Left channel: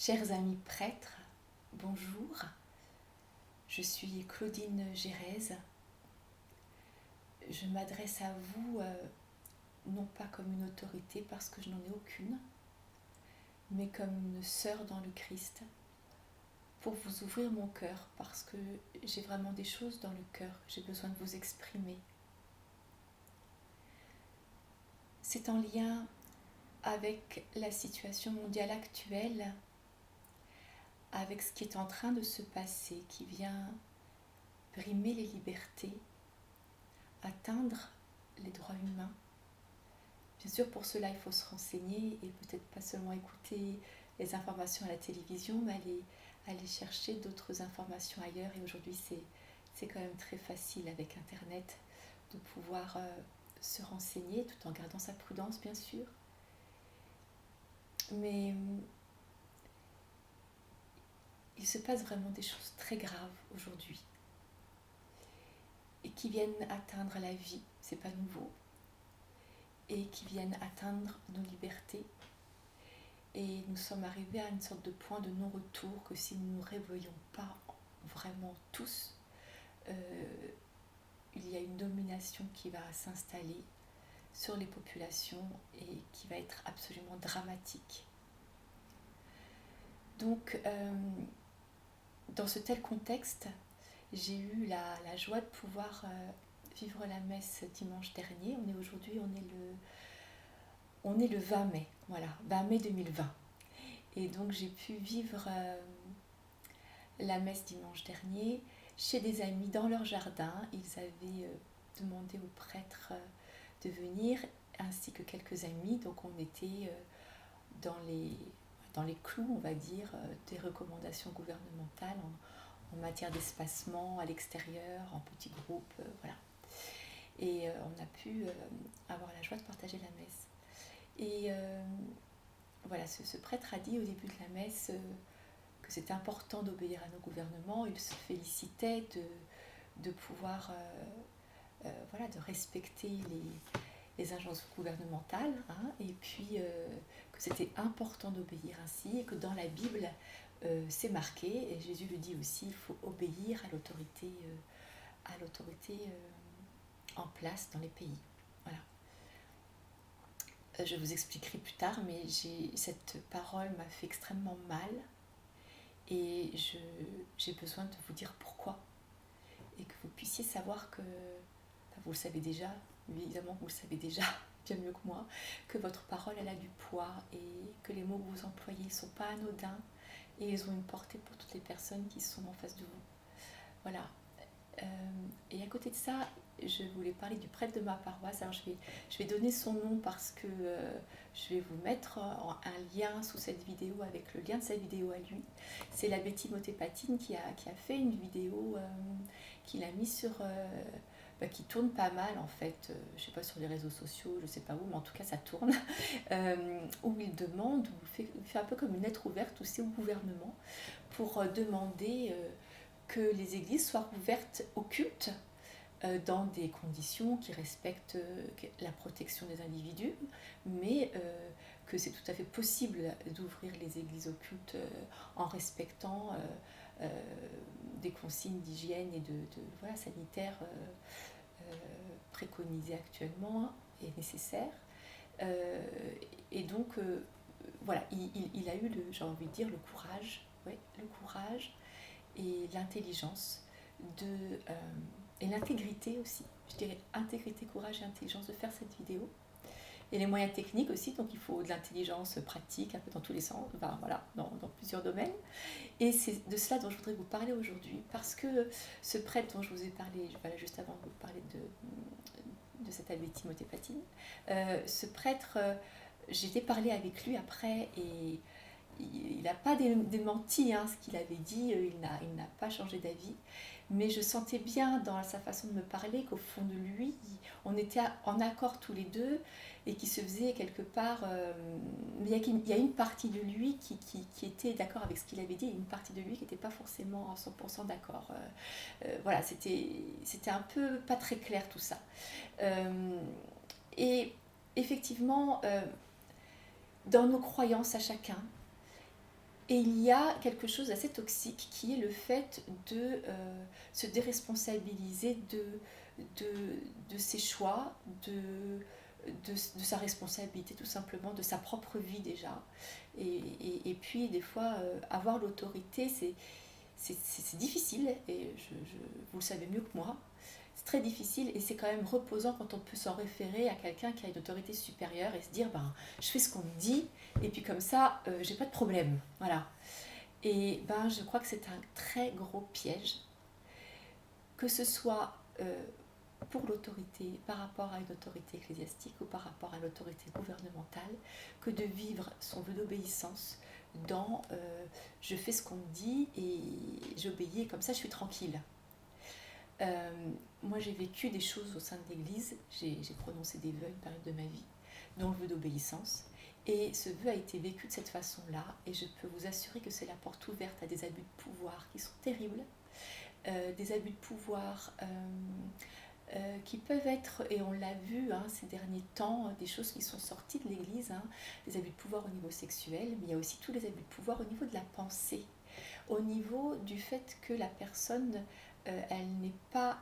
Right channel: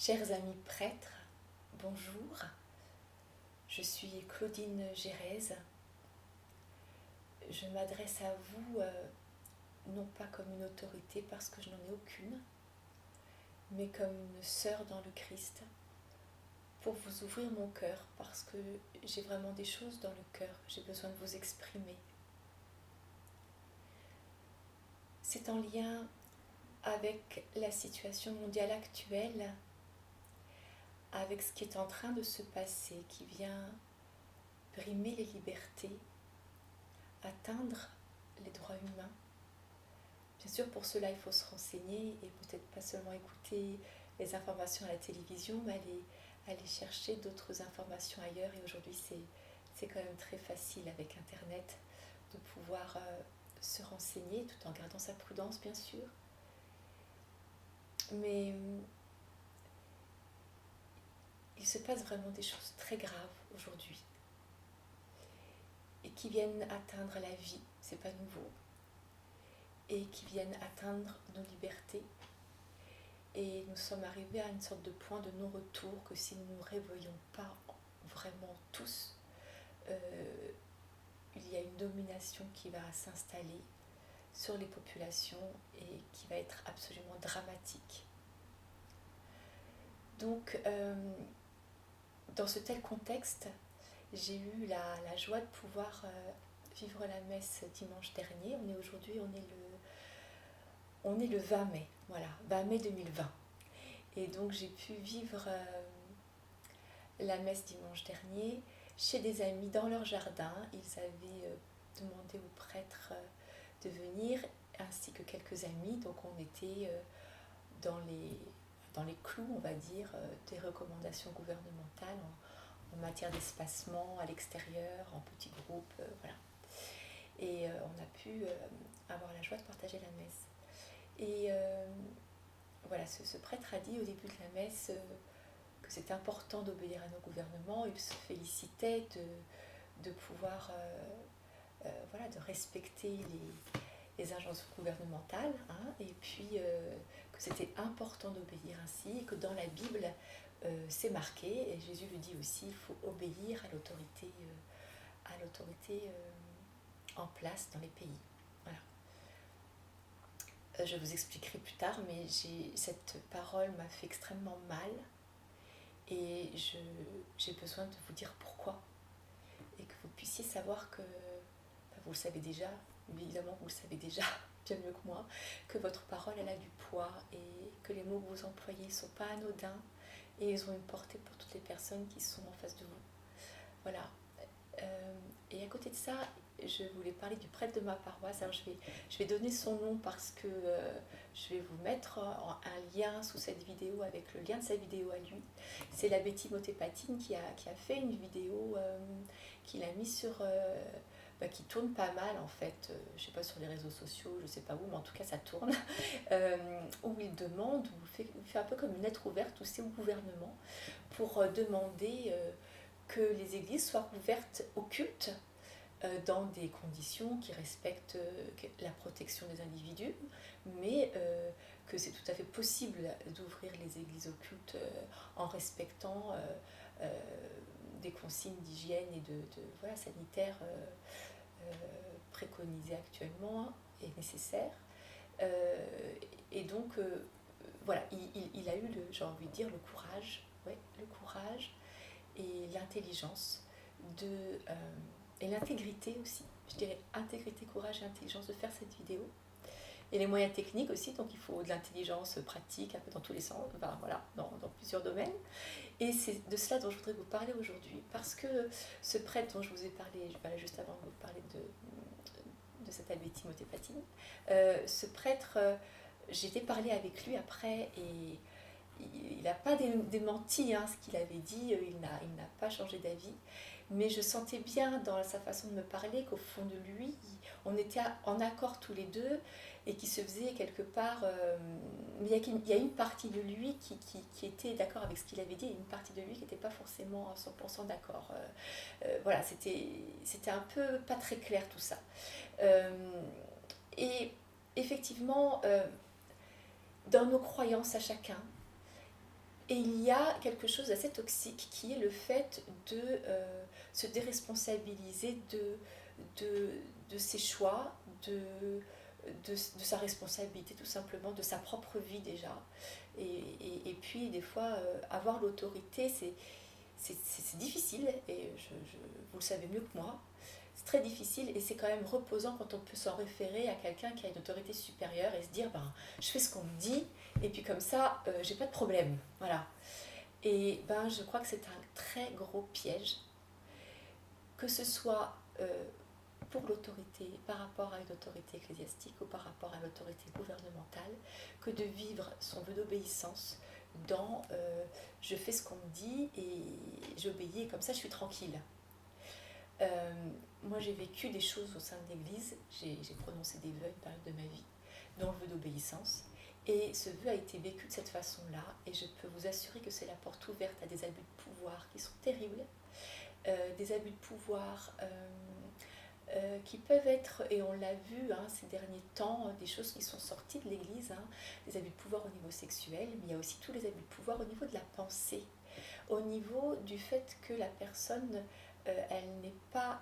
Chers amis prêtres, bonjour. Je suis Claudine Gérèse. Je m'adresse à vous non pas comme une autorité parce que je n'en ai aucune, mais comme une sœur dans le Christ pour vous ouvrir mon cœur parce que j'ai vraiment des choses dans le cœur que j'ai besoin de vous exprimer. C'est en lien avec la situation mondiale actuelle, avec ce qui est en train de se passer, qui vient brimer les libertés, atteindre les droits humains. Bien sûr, pour cela, il faut se renseigner et peut-être pas seulement écouter les informations à la télévision, mais aller chercher d'autres informations ailleurs. Et aujourd'hui, c'est quand même très facile avec Internet de pouvoir se renseigner tout en gardant sa prudence, bien sûr. Mais il se passe vraiment des choses très graves aujourd'hui et qui viennent atteindre la vie, c'est pas nouveau, et qui viennent atteindre nos libertés. Et nous sommes arrivés à une sorte de point de non-retour que si nous ne nous réveillons pas vraiment tous, il y a une domination qui va s'installer sur les populations et qui va être absolument dramatique. Donc, dans ce tel contexte, j'ai eu la joie de pouvoir vivre la messe dimanche dernier. On est le 20 mai, voilà, 20 mai 2020. Et donc j'ai pu vivre la messe dimanche dernier chez des amis dans leur jardin. Ils avaient demandé au prêtre de venir, ainsi que quelques amis. Donc on était dans les clous, on va dire, des recommandations gouvernementales en matière d'espacement à l'extérieur, en petits groupes, voilà. Et on a pu avoir la joie de partager la messe. Et voilà, ce prêtre a dit au début de la messe que c'était important d'obéir à nos gouvernements. Il se félicitait de pouvoir, voilà, de respecter les agences gouvernementales, hein, et puis que c'était important d'obéir ainsi, et que dans la Bible, c'est marqué, et Jésus le dit aussi, il faut obéir à l'autorité en place dans les pays. Voilà. Je vous expliquerai plus tard, mais cette parole m'a fait extrêmement mal et j'ai besoin de vous dire pourquoi et que vous puissiez savoir que, enfin, vous le savez déjà, évidemment vous le savez déjà bien mieux que moi, que votre parole elle a du poids et que les mots que vous employez ne sont pas anodins et ils ont une portée pour toutes les personnes qui sont en face de vous. Voilà. Et à côté de ça, je voulais parler du prêtre de ma paroisse. Alors je vais donner son nom parce que je vais vous mettre un lien sous cette vidéo avec le lien de sa vidéo à lui. C'est l'abbé Timothée Patine qui a fait une vidéo qu'il a mis sur... qui tourne pas mal en fait, je sais pas sur les réseaux sociaux, je sais pas où, mais en tout cas ça tourne, où il demande, il fait un peu comme une lettre ouverte aussi au gouvernement pour demander que les églises soient ouvertes au culte dans des conditions qui respectent la protection des individus, mais que c'est tout à fait possible d'ouvrir les églises au culte en respectant des consignes d'hygiène et de voilà, sanitaires préconisées actuellement et nécessaires. Et donc, voilà, il a eu, j'ai envie de dire, le courage et l'intelligence et l'intégrité aussi, je dirais intégrité, courage et intelligence de faire cette vidéo. Et les moyens techniques aussi, donc il faut de l'intelligence pratique un peu dans tous les sens, enfin, voilà, dans plusieurs domaines. Et c'est de cela dont je voudrais vous parler aujourd'hui, parce que ce prêtre dont je vous ai parlé, voilà, juste avant de vous parler de cet abbé Timothée Patine, ce prêtre, j'ai parlé avec lui après et il n'a pas démenti ce qu'il avait dit, il n'a pas changé d'avis, mais je sentais bien dans sa façon de me parler qu'au fond de lui, on était en accord tous les deux et qui se faisait quelque part... mais il y a une partie de lui qui était d'accord avec ce qu'il avait dit et une partie de lui qui n'était pas forcément à 100% d'accord. Voilà, c'était un peu pas très clair tout ça. Et effectivement, dans nos croyances à chacun, Et il y a quelque chose d'assez toxique qui est le fait de se déresponsabiliser de ses choix, de sa responsabilité tout simplement, de sa propre vie déjà. Et puis des fois, avoir l'autorité, c'est difficile, et vous le savez mieux que moi. C'est très difficile et c'est quand même reposant quand on peut s'en référer à quelqu'un qui a une autorité supérieure et se dire ben, je fais ce qu'on me dit et puis comme ça, j'ai pas de problème. Voilà. Et ben, je crois que c'est un très gros piège, que ce soit pour l'autorité, par rapport à une autorité ecclésiastique ou par rapport à l'autorité gouvernementale, que de vivre son vœu d'obéissance dans je fais ce qu'on me dit et j'obéis et comme ça je suis tranquille. Euh, Moi j'ai vécu des choses au sein de l'Église, j'ai prononcé des vœux à une période de ma vie, dont le vœu d'obéissance. Et ce vœu a été vécu de cette façon-là, et je peux vous assurer que c'est la porte ouverte à des abus de pouvoir qui sont terribles, des abus de pouvoir qui peuvent être, et on l'a vu ces derniers temps, des choses qui sont sorties de l'Église, des abus de pouvoir au niveau sexuel, mais il y a aussi tous les abus de pouvoir au niveau de la pensée, au niveau du fait que la personne, elle n'est pas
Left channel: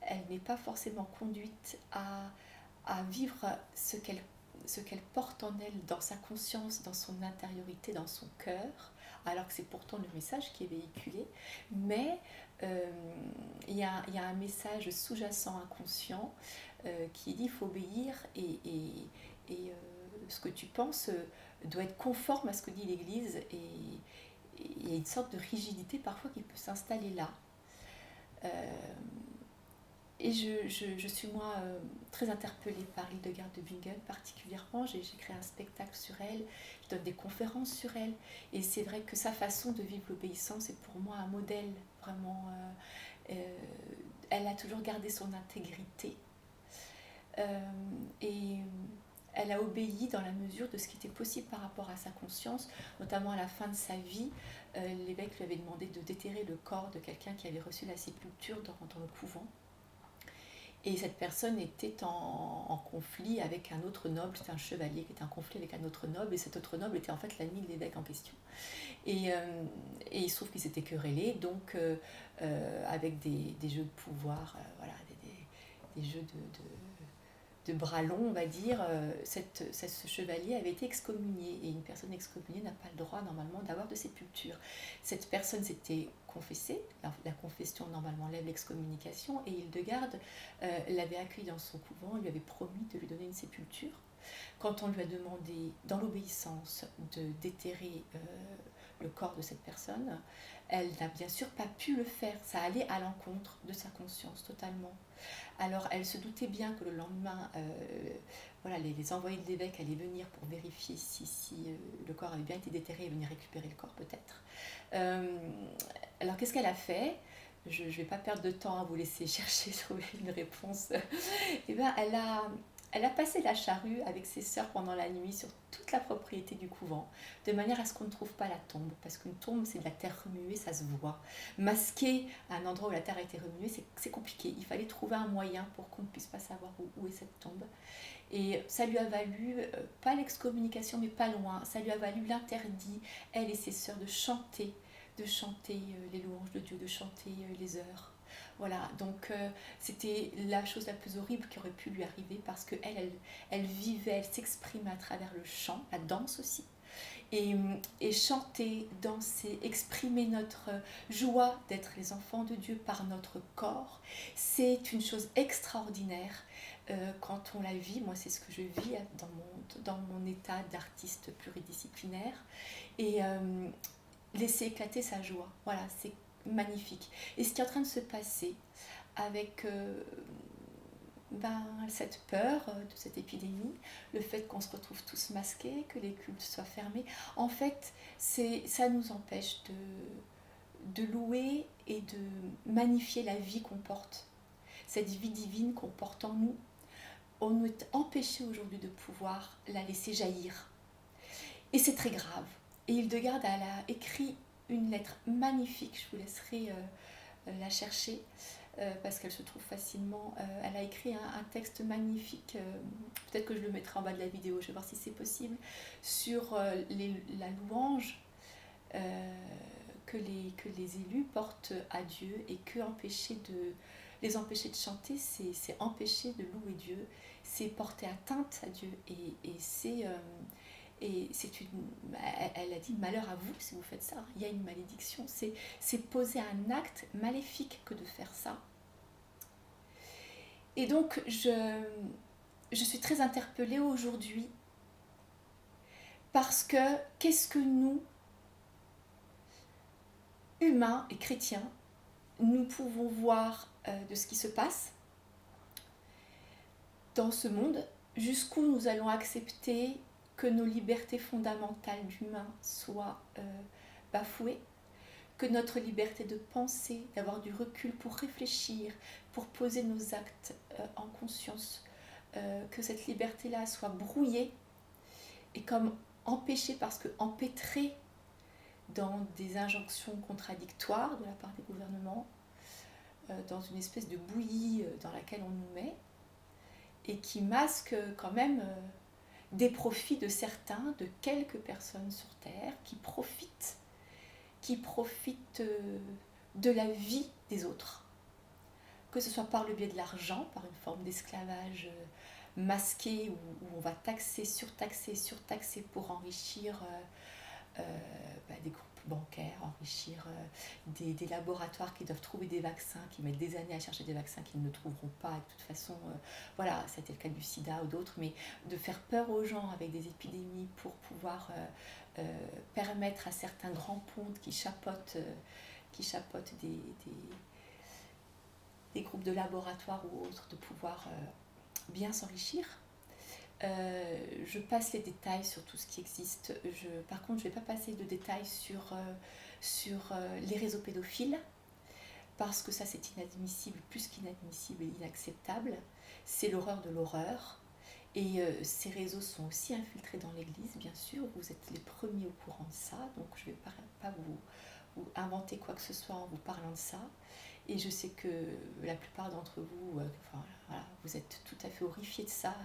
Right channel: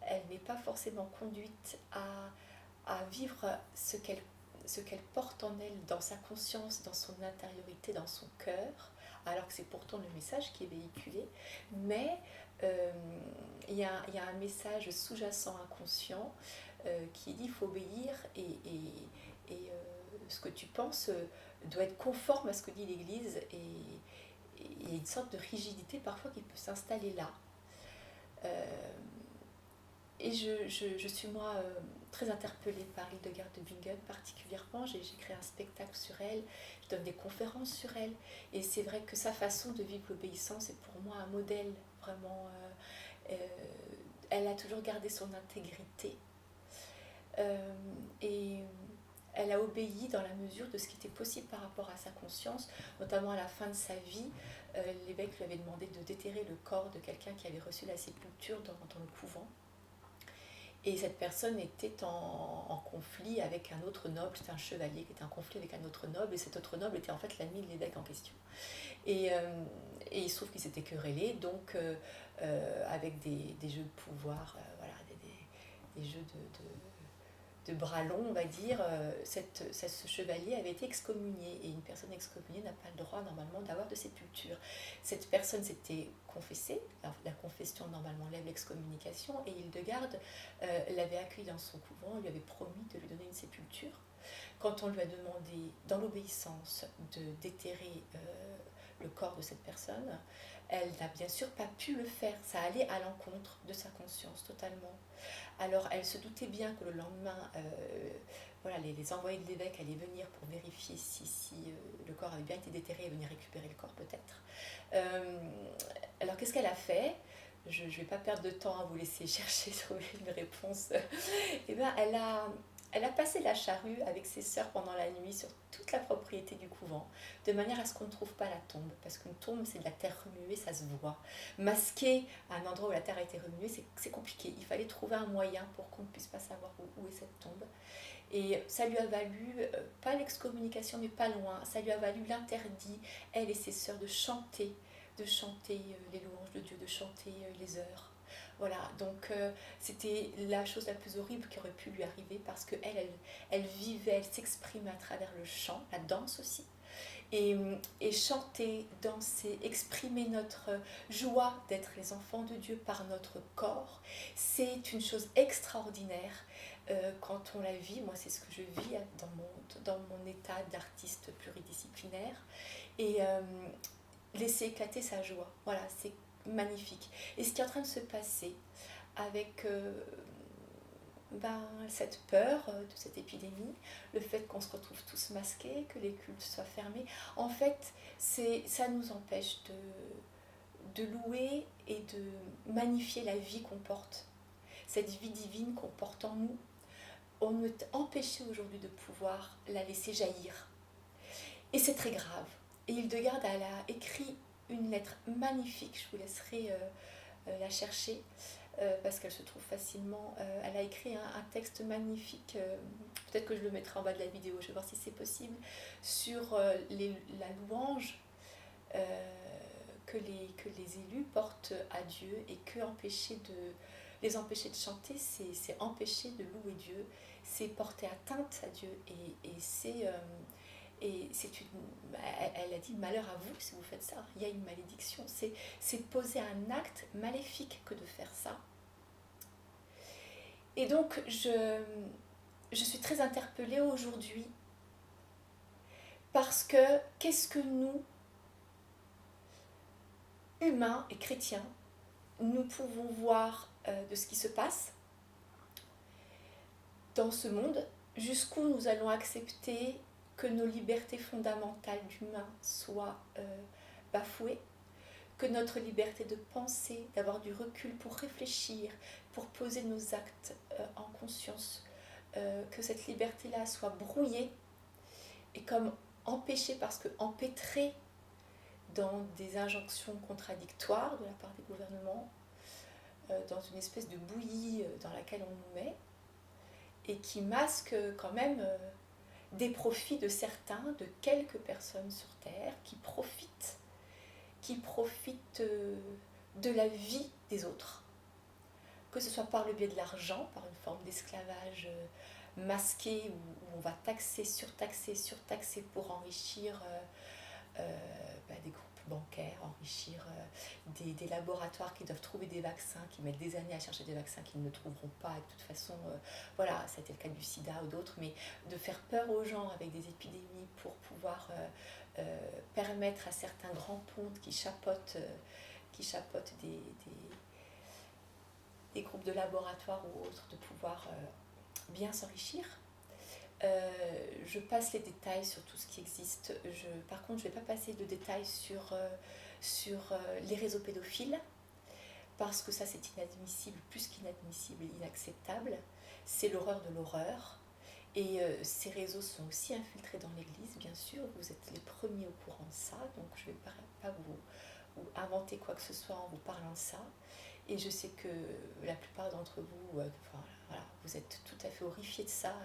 elle n'est pas forcément conduite à vivre ce qu'elle porte en elle, dans sa conscience, dans son intériorité, dans son cœur, alors que c'est pourtant le message qui est véhiculé, mais euh, il y a un message sous-jacent inconscient qui dit il faut obéir ce que tu penses doit être conforme à ce que dit l'Église, et il y a une sorte de rigidité parfois qui peut s'installer là. Euh, et je suis moi très interpellée par Hildegard de Bingen particulièrement. J'ai créé un spectacle sur elle, je donne des conférences sur elle. Et c'est vrai que sa façon de vivre l'obéissance est pour moi un modèle vraiment. Elle a toujours gardé son intégrité. Et elle a obéi dans la mesure de ce qui était possible par rapport à sa conscience, notamment à la fin de sa vie. L'évêque lui avait demandé de déterrer le corps de quelqu'un qui avait reçu la sépulture dans le couvent. Et cette personne était en conflit avec un autre noble, c'était un chevalier qui était en conflit avec un autre noble, et cet autre noble était en fait l'ami de l'évêque en question. Et il se trouve qu'ils s'étaient querellés, donc avec des jeux de pouvoir, voilà, des jeux de bras longs, on va dire, ce chevalier avait été excommunié, et une personne excommuniée n'a pas le droit normalement d'avoir de sépulture. Cette personne s'était confessée, la confession normalement lève l'excommunication, et Hildegarde l'avait accueilli dans son couvent, lui avait promis de lui donner une sépulture. Quand on lui a demandé, dans l'obéissance, de déterrer le corps de cette personne, elle n'a bien sûr pas pu le faire, ça allait à l'encontre de sa conscience totalement. Alors elle se doutait bien que le lendemain, voilà, les envoyés de l'évêque allaient venir pour vérifier si le corps avait bien été déterré et venir récupérer le corps peut-être. Alors qu'est-ce qu'elle a fait ? Je ne vais pas perdre de temps à vous laisser chercher, trouver une réponse. Et bien elle a passé la charrue avec ses sœurs pendant la nuit sur toute la propriété du couvent, de manière à ce qu'on ne trouve pas la tombe, parce qu'une tombe c'est de la terre remuée, ça se voit. Masquer un endroit où la terre a été remuée, c'est compliqué. Il fallait trouver un moyen pour qu'on ne puisse pas savoir où est cette tombe. Et ça lui a valu, pas l'excommunication, mais pas loin, ça lui a valu l'interdit, elle et ses sœurs, de chanter les louanges de Dieu, de chanter les heures. Voilà, donc c'était la chose la plus horrible qui aurait pu lui arriver, parce qu'elle vivait, elle s'exprimait à travers le chant, la danse aussi. Et chanter, danser, exprimer notre joie d'être les enfants de Dieu par notre corps, c'est une chose extraordinaire quand on la vit. Moi, c'est ce que je vis dans mon état d'artiste pluridisciplinaire. Et laisser éclater sa joie, voilà, c'est magnifique. Et ce qui est en train de se passer avec cette peur de cette épidémie, le fait qu'on se retrouve tous masqués, que les cultes soient fermés, en fait, ça nous empêche de louer et de magnifier la vie qu'on porte, cette vie divine qu'on porte en nous. On est empêché aujourd'hui de pouvoir la laisser jaillir. Et c'est très grave. Et Hildegarde, elle a écrit une lettre magnifique, je vous laisserai la chercher, parce qu'elle se trouve facilement. Elle a écrit un texte magnifique, peut-être que je le mettrai en bas de la vidéo, je vais voir si c'est possible, sur la louange que les élus portent à Dieu, et que les empêcher de chanter, c'est empêcher de louer Dieu, c'est porter atteinte à Dieu, elle a dit malheur à vous si vous faites ça, il y a une malédiction, c'est poser un acte maléfique que de faire ça. Et donc je suis très interpellée aujourd'hui, parce que qu'est-ce que nous, humains et chrétiens, nous pouvons voir de ce qui se passe dans ce monde, jusqu'où nous allons accepter que nos libertés fondamentales d'humains soient bafouées, que notre liberté de penser, d'avoir du recul pour réfléchir, pour poser nos actes en conscience, que cette liberté-là soit brouillée et comme empêchée, parce que empêtrée dans des injonctions contradictoires de la part des gouvernements, dans une espèce de bouillie dans laquelle on nous met, et qui masque quand même des profits de certains, de quelques personnes sur Terre, qui profitent de la vie des autres. Que ce soit par le biais de l'argent, par une forme d'esclavage masqué, où on va taxer, surtaxer pour enrichir des groupes bancaires, enrichir des laboratoires qui doivent trouver des vaccins, qui mettent des années à chercher des vaccins qu'ils ne trouveront pas, et de toute façon, voilà, c'était le cas du sida ou d'autres, mais de faire peur aux gens avec des épidémies pour pouvoir permettre à certains grands pontes qui chapeautent des groupes de laboratoires ou autres de pouvoir bien s'enrichir. Je passe les détails sur tout ce qui existe. Par contre, je ne vais pas passer de détails sur les réseaux pédophiles, parce que ça, c'est inadmissible, plus qu'inadmissible et inacceptable. C'est l'horreur de l'horreur. Et ces réseaux sont aussi infiltrés dans l'Église, bien sûr. Vous êtes les premiers au courant de ça, donc je ne vais pas vous inventer quoi que ce soit en vous parlant de ça. Et je sais que la plupart d'entre vous, voilà, vous êtes tout à fait horrifiés de ça.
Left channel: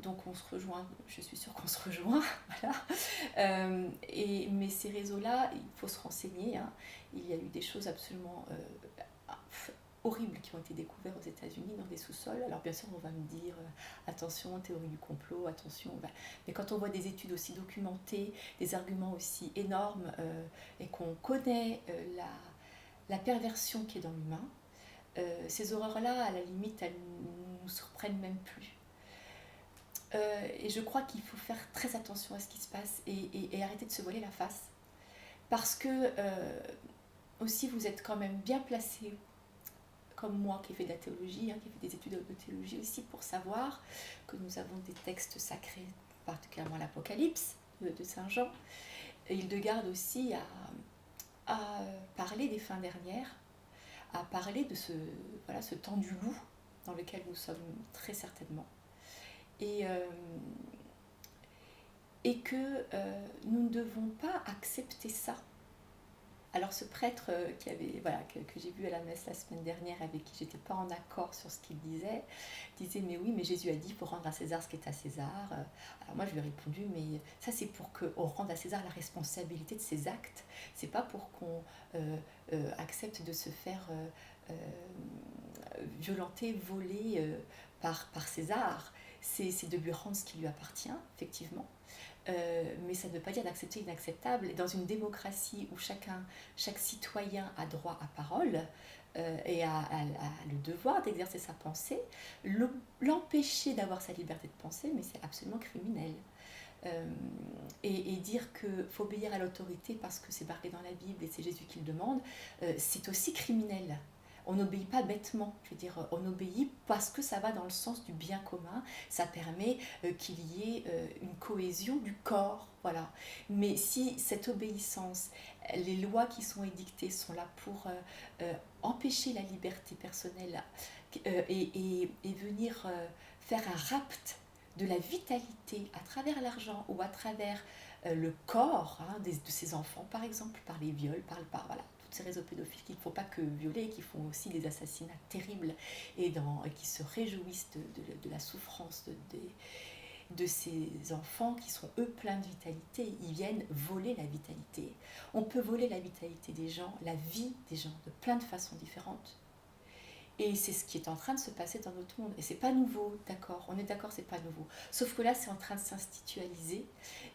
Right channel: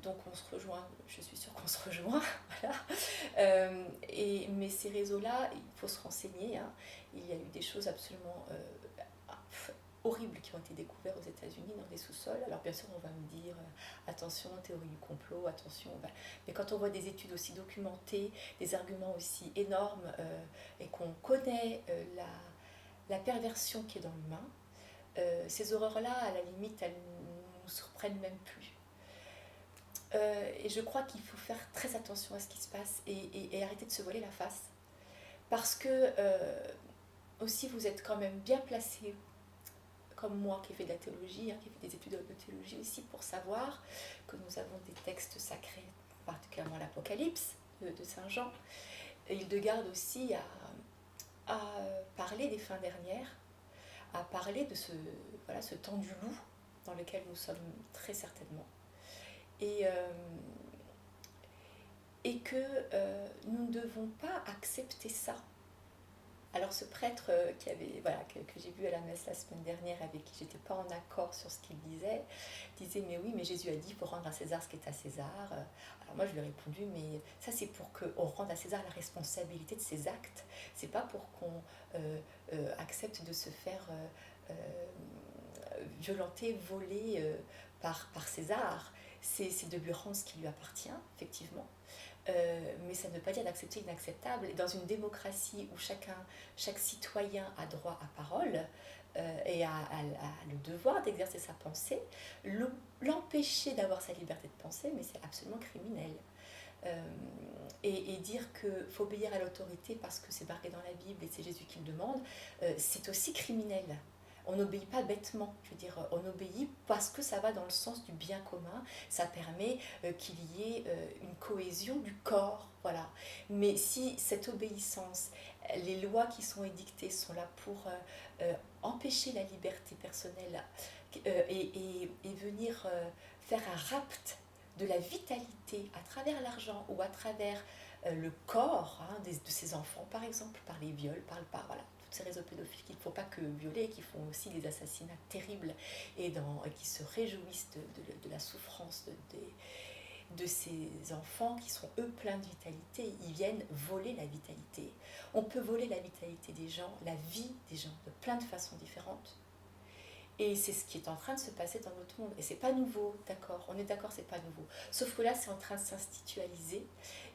Donc on se rejoint, je suis sûre qu'on se rejoint, voilà. Mais ces réseaux-là, il faut se renseigner, hein. Il y a eu des choses absolument horribles qui ont été découvertes aux États-Unis dans des sous-sols. Alors bien sûr, on va me dire attention, théorie du complot, attention. Mais quand on voit des études aussi documentées, des arguments aussi énormes, et qu'on connaît la perversion qui est dans l'humain, ces horreurs-là, à la limite, elles ne nous surprennent même plus. Et je crois qu'il faut faire très attention à ce qui se passe, et arrêter de se voiler la face, parce que aussi vous êtes quand même bien placé, comme moi qui ai fait de la théologie, hein, qui ai fait des études de théologie aussi, pour savoir que nous avons des textes sacrés, particulièrement l'Apocalypse de Saint Jean, et Hildegarde aussi à parler des fins dernières, à parler de ce temps du loup dans lequel nous sommes très certainement. Et que nous ne devons pas accepter ça. Alors ce prêtre que j'ai vu à la messe la semaine dernière, avec qui j'étais pas en accord sur ce qu'il disait mais oui, mais Jésus a dit il faut rendre à César ce qui est à César. Alors moi je lui ai répondu, mais ça c'est pour qu'on rende à César la responsabilité de ses actes, c'est pas pour qu'on accepte de se faire violenter, voler par César. C'est de lui rendre ce qui lui appartient, effectivement. Mais ça ne veut pas dire d'accepter l'inacceptable. Et dans une démocratie où chaque citoyen a droit à parole et a le devoir d'exercer sa pensée, l'empêcher d'avoir sa liberté de penser, mais c'est absolument criminel. Et dire qu'il faut obéir à l'autorité parce que c'est marqué dans la Bible et c'est Jésus qui le demande, c'est aussi criminel. On n'obéit pas bêtement, je veux dire, on obéit parce que ça va dans le sens du bien commun, ça permet qu'il y ait une cohésion du corps, voilà. Mais si cette obéissance, les lois qui sont édictées sont là pour empêcher la liberté personnelle et venir faire un rapt de la vitalité à travers l'argent ou à travers le corps de ces enfants, par exemple, par les viols, voilà, toutes ces réseaux pédophiles qui ne font pas que violer, qui font aussi des assassinats terribles et qui se réjouissent de la souffrance de ces enfants qui sont eux pleins de vitalité. Ils viennent voler la vitalité. On peut voler la vitalité des gens, la vie des gens, de plein de façons différentes. Et c'est ce qui est en train de se passer dans notre monde. Et c'est pas nouveau, d'accord, on est d'accord, c'est pas nouveau. Sauf que là, c'est en train de s'institualiser,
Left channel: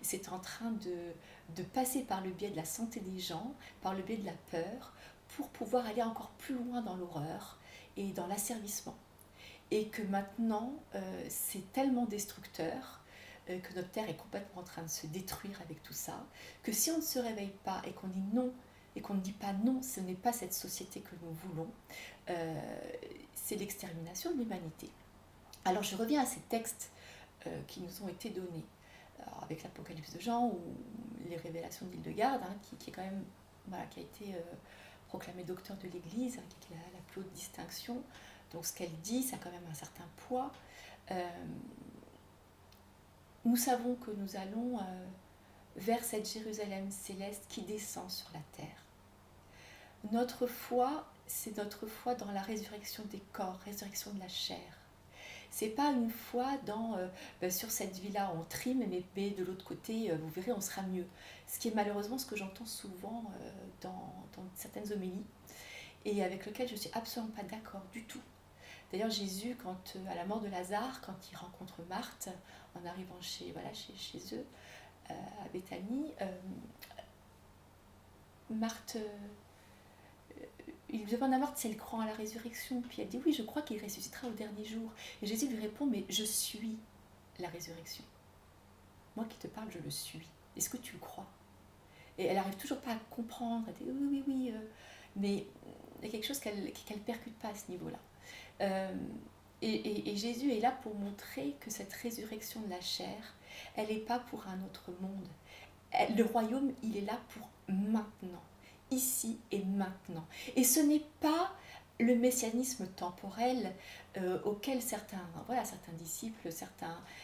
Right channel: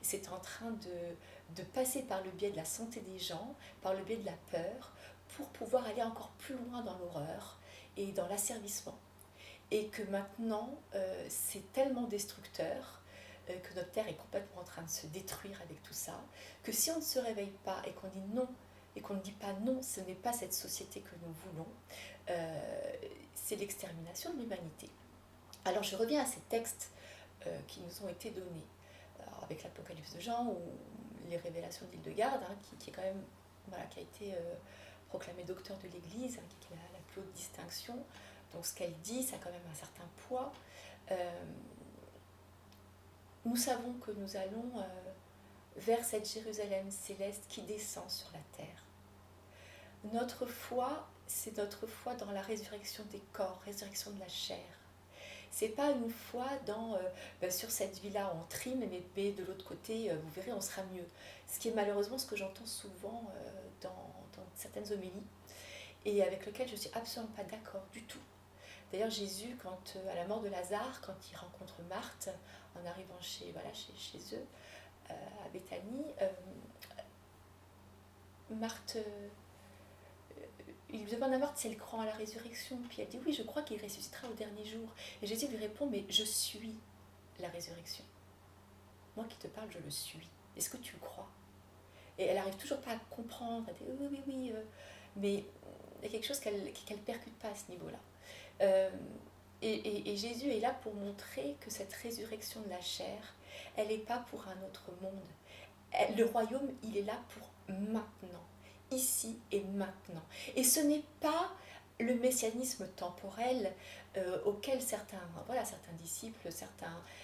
c'est en train de passer par le biais de la santé des gens, par le biais de la peur, pour pouvoir aller encore plus loin dans l'horreur et dans l'asservissement. Et que maintenant, c'est tellement destructeur que notre terre est complètement en train de se détruire avec tout ça, que si on ne se réveille pas et qu'on dit non, et qu'on ne dit pas non, ce n'est pas cette société que nous voulons, c'est l'extermination de l'humanité. Alors je reviens à ces textes qui nous ont été donnés, alors, avec l'Apocalypse de Jean ou les révélations d'Hildegarde, hein, qui est quand même, voilà, qui a été proclamée docteur de l'Église, hein, qui est la plus haute distinction. Donc ce qu'elle dit, ça a quand même un certain poids. Nous savons que nous allons vers cette Jérusalem céleste qui descend sur la terre. Notre foi, c'est notre foi dans la résurrection des corps, résurrection de la chair. C'est pas une foi sur cette vie-là on trime, mais de l'autre côté, vous verrez, on sera mieux. Ce qui est malheureusement ce que j'entends souvent dans certaines homélies et avec lequel je suis absolument pas d'accord du tout. D'ailleurs, Jésus, à la mort de Lazare, quand il rencontre Marthe, en arrivant chez eux, à Béthanie, Marthe, il lui demande à Marthe si elle croit à la résurrection. Puis elle dit oui, je crois qu'il ressuscitera au dernier jour. Et Jésus lui répond, mais je suis la résurrection. Moi qui te parle, je le suis. Est-ce que tu le crois? Et elle n'arrive toujours pas à comprendre. Elle dit oui. Mais il y a quelque chose qu'elle ne percute pas à ce niveau-là. Et Jésus est là pour montrer que cette résurrection de la chair, elle n'est pas pour un autre monde. Le royaume, il est là pour maintenant, ici et maintenant. Et ce n'est pas le messianisme temporel auquel certains disciples,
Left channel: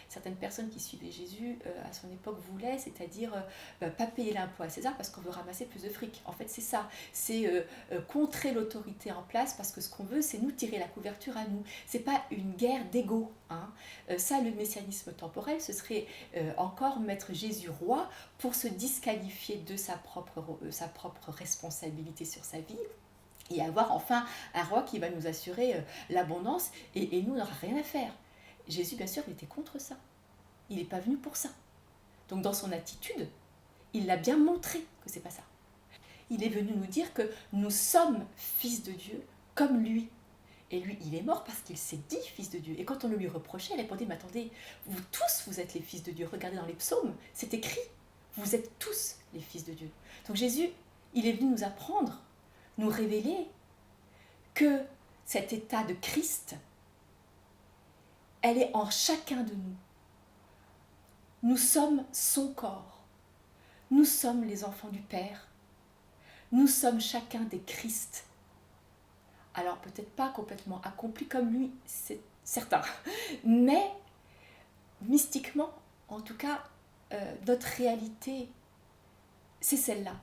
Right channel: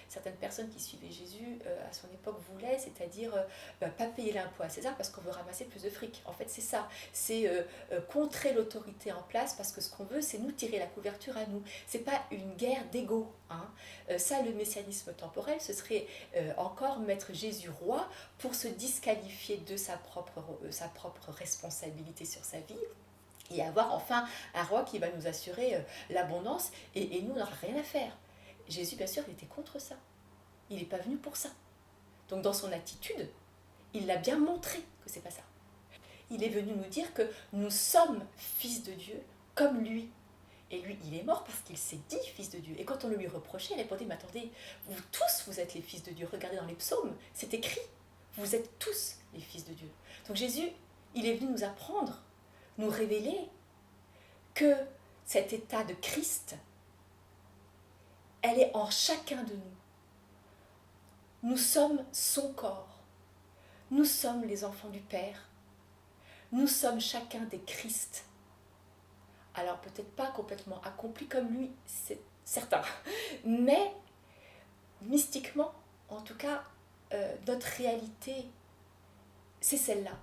certaines personnes qui suivaient Jésus à son époque voulaient, c'est-à-dire pas payer l'impôt à César parce qu'on veut ramasser plus de fric. En fait, c'est ça, c'est contrer l'autorité en place parce que ce qu'on veut, c'est nous tirer la couverture à nous. C'est pas une guerre d'ego. Hein. Ça, le messianisme temporel, ce serait encore mettre Jésus roi pour se disqualifier de sa propre responsabilité sur sa vie. Et avoir enfin un roi qui va nous assurer l'abondance et nous, on n'aura rien à faire. Jésus, bien sûr, il était contre ça. Il n'est pas venu pour ça. Donc dans son attitude, il l'a bien montré que c'est pas ça. Il est venu nous dire que nous sommes fils de Dieu comme lui. Et lui, il est mort parce qu'il s'est dit fils de Dieu. Et quand on le lui reprochait, il répondait, mais attendez, vous tous, vous êtes les fils de Dieu. Regardez dans les psaumes, c'est écrit, vous êtes tous les fils de Dieu. Donc Jésus, il est venu nous apprendre, nous révéler que cet état de Christ, elle est en chacun de nous. Nous sommes son corps. Nous sommes les enfants du Père. Nous sommes chacun des Christ. Alors peut-être pas complètement accomplis comme lui, c'est certain. Mais mystiquement, en tout cas, notre réalité, c'est celle-là.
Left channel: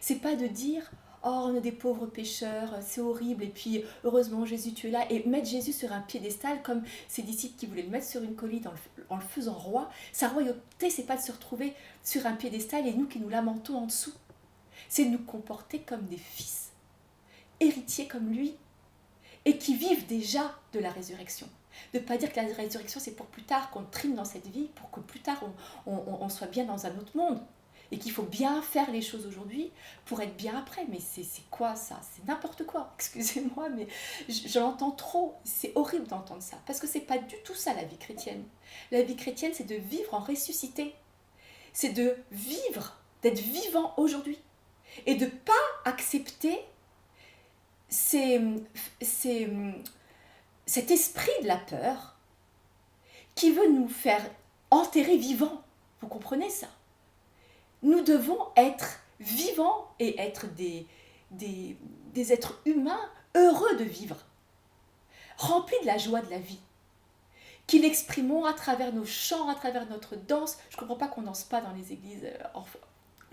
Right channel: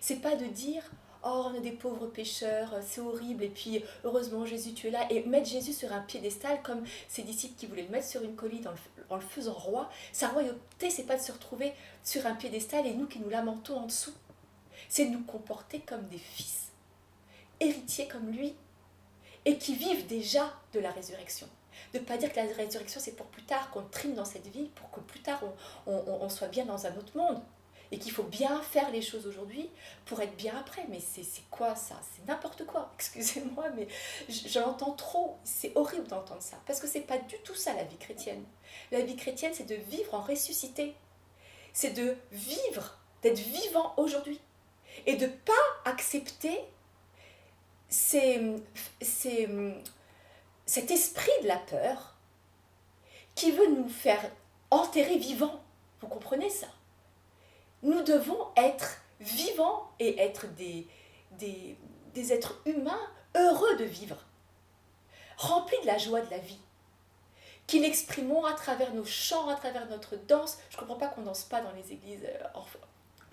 C'est pas de dire oh, on est des pauvres pécheurs, c'est horrible, et puis heureusement Jésus tu es là, et mettre Jésus sur un piédestal comme ses disciples qui voulaient le mettre sur une colline en le faisant roi. Sa royauté, c'est pas de se retrouver sur un piédestal et nous qui nous lamentons en dessous. C'est de nous comporter comme des fils, héritiers comme lui, et qui vivent déjà de la résurrection. De ne pas dire que la résurrection c'est pour plus tard, qu'on trime dans cette vie, pour que plus tard on soit bien dans un autre monde. Et qu'il faut bien faire les choses aujourd'hui pour être bien après. Mais c'est quoi ça? C'est n'importe quoi, excusez-moi, mais je l'entends trop. C'est horrible d'entendre ça, parce que c'est pas du tout ça la vie chrétienne. La vie chrétienne, c'est de vivre en ressuscité. C'est de vivre, d'être vivant aujourd'hui. Et de ne pas accepter cet esprit de la peur qui veut nous faire enterrer vivants. Vous comprenez ça? Nous devons être vivants et être des êtres humains heureux de vivre, remplis de la joie de la vie, qui l'exprimons à travers nos chants, à travers notre danse. Je ne comprends pas qu'on ne danse pas dans les églises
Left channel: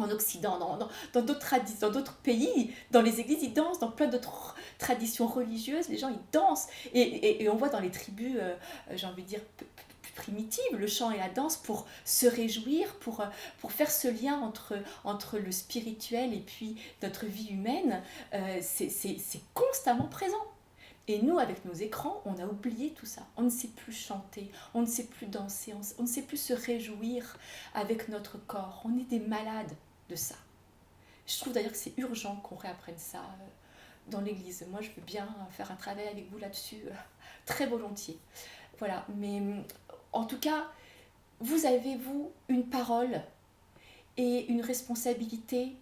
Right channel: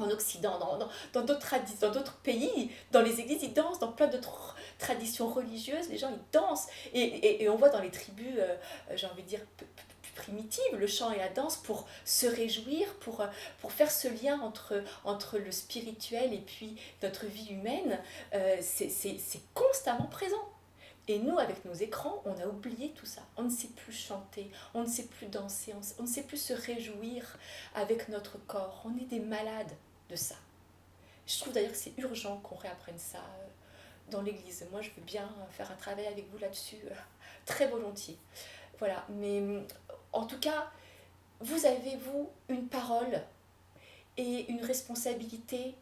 en Occident, dans d'autres traditions, dans d'autres pays, dans les églises, ils dansent, dans plein d'autres traditions religieuses, les gens, ils dansent. Et on voit dans les tribus, j'ai envie de dire, plus primitives, le chant et la danse pour se réjouir, pour faire ce lien entre le spirituel et puis notre vie humaine. C'est constamment présent. Et nous, avec nos écrans, on a oublié tout ça. On ne sait plus chanter, on ne sait plus danser, on ne sait plus se réjouir avec notre corps. On est des malades de ça. Je trouve d'ailleurs que c'est urgent qu'on réapprenne ça dans l'Église. Moi, je veux bien faire un travail avec vous là-dessus, très volontiers. Voilà, mais en tout cas, vous avez, vous, une parole et une responsabilité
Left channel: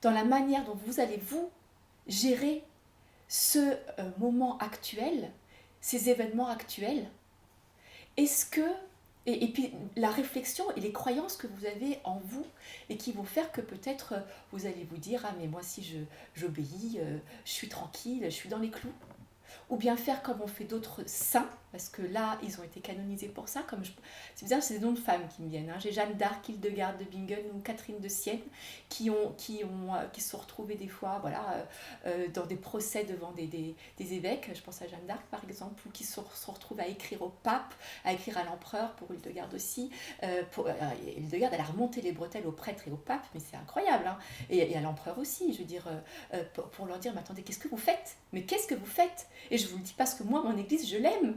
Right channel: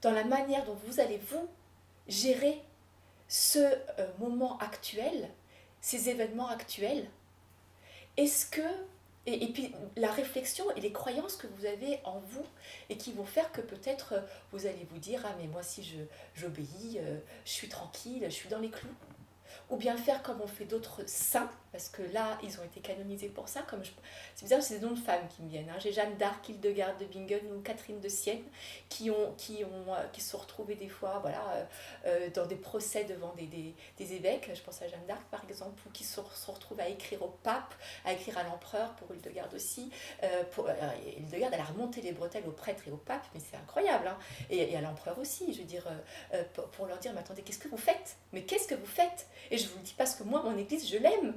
dans la manière dont vous allez, vous, gérer ce moment actuel, ces événements actuels. Est-ce que, et puis la réflexion et les croyances que vous avez en vous et qui vont faire que peut-être vous allez vous dire, ah mais moi si j'obéis, je suis tranquille, je suis dans les clous. Ou bien faire comme ont fait d'autres saints, parce que là, ils ont été canonisés pour ça. C'est bizarre, c'est des noms de femmes qui me viennent. J'ai Jeanne d'Arc, Hildegarde de Bingen ou Catherine de Sienne, qui se sont retrouvées des fois dans des procès devant des évêques. Je pense à Jeanne d'Arc, par exemple, ou qui se sont retrouvées à écrire au pape, à écrire à l'empereur, pour Hildegarde aussi. Hildegarde, elle a remonté les bretelles aux prêtres et au pape, mais c'est incroyable. Hein. Et à l'empereur aussi, je veux dire, pour leur dire, mais attendez, qu'est-ce que vous faites ? Mais qu'est-ce que vous faites ? Et je vous le dis parce que moi, mon église, je l'aime.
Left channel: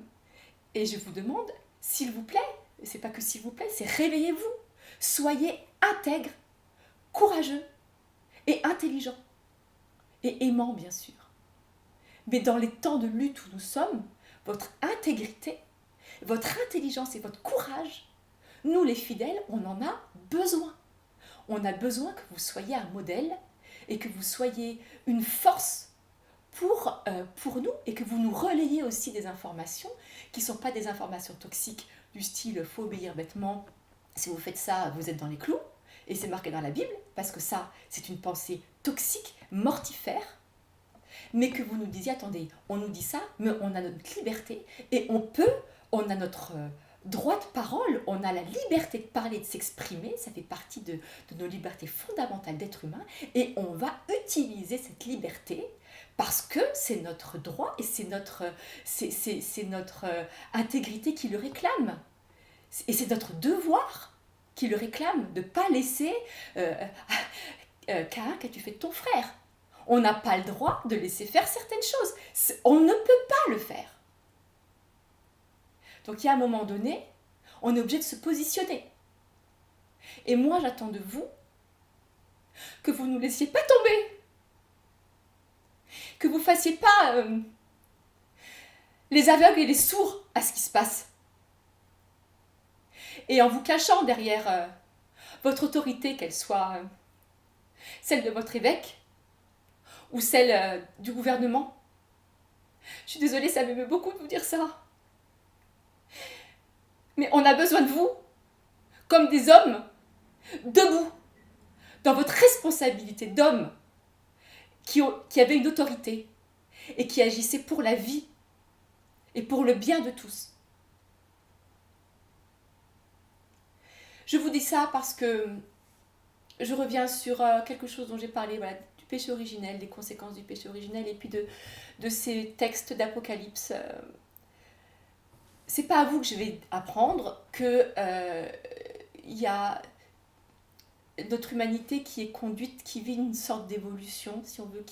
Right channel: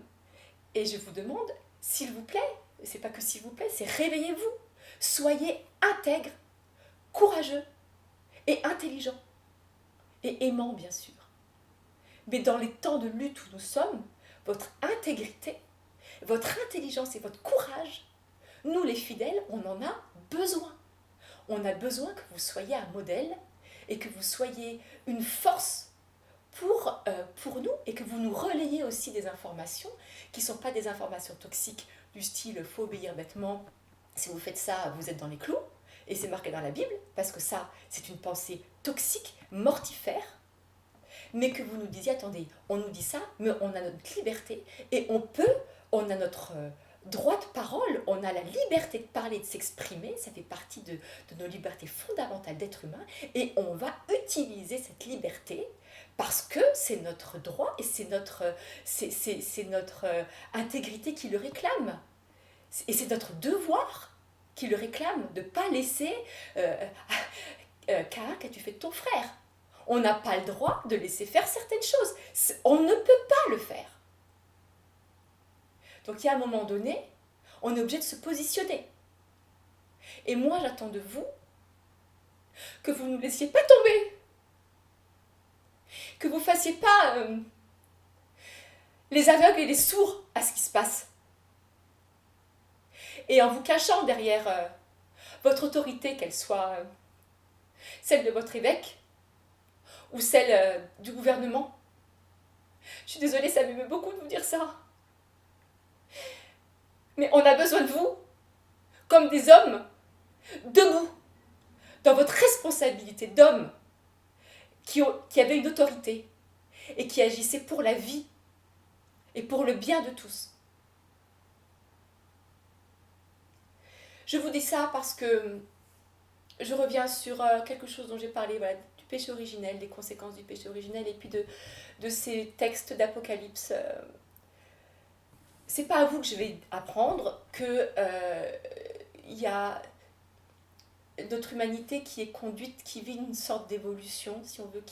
Et je vous demande, s'il vous plaît, c'est pas que s'il vous plaît, c'est réveillez-vous. Soyez intègres, courageux et intelligents. Et aimants, bien sûr. Mais dans les temps de lutte où nous sommes, votre intégrité, votre intelligence et votre courage, nous les fidèles, on en a besoin. On a besoin que vous soyez un modèle et que vous soyez une force pour nous et que vous nous relayez aussi des informations qui ne sont pas des informations toxiques du style faut obéir bêtement, si vous faites ça, vous êtes dans les clous, et c'est marqué dans la Bible, parce que ça, c'est une pensée toxique, mortifère, mais que vous nous disiez, attendez, on nous dit ça, mais on a notre liberté, et on a notre droit de parole, on a la liberté de parler, de s'exprimer, ça fait partie de nos libertés fondamentales d'être humain, et on va utiliser cette liberté parce que c'est notre droit et c'est notre intégrité qui le réclame. Et c'est notre devoir qui le réclame, de ne pas laisser Caïn, qu'as-tu fait de ton frère ? On n'a pas le droit de laisser faire certaines choses. On ne peut pas le faire. Donc il y a un moment donné, on est obligé de se positionner. Et moi, j'attends de vous que vous ne nous laissiez pas tomber. Que vous ne fassiez pas les aveugles et les sourds à ce qui se passe. Et en vous cachant derrière votre autorité, qu'elle soit celle de votre évêque ou celle du gouvernement. Je suis désolée, ça m'émeut beaucoup de vous dire ça. Mais on a besoin de vous, comme des hommes, debout, dans votre responsabilité d'homme, qui avait une autorité et qui agissait pour la vie et pour le bien de tous. Je vous dis ça parce que je reviens sur quelque chose dont j'ai parlé, voilà, du péché originel, des conséquences du péché originel et puis de ces textes d'Apocalypse. C'est pas à vous que je vais apprendre que y a notre humanité qui est conduite, qui vit une sorte d'évolution, si on veut,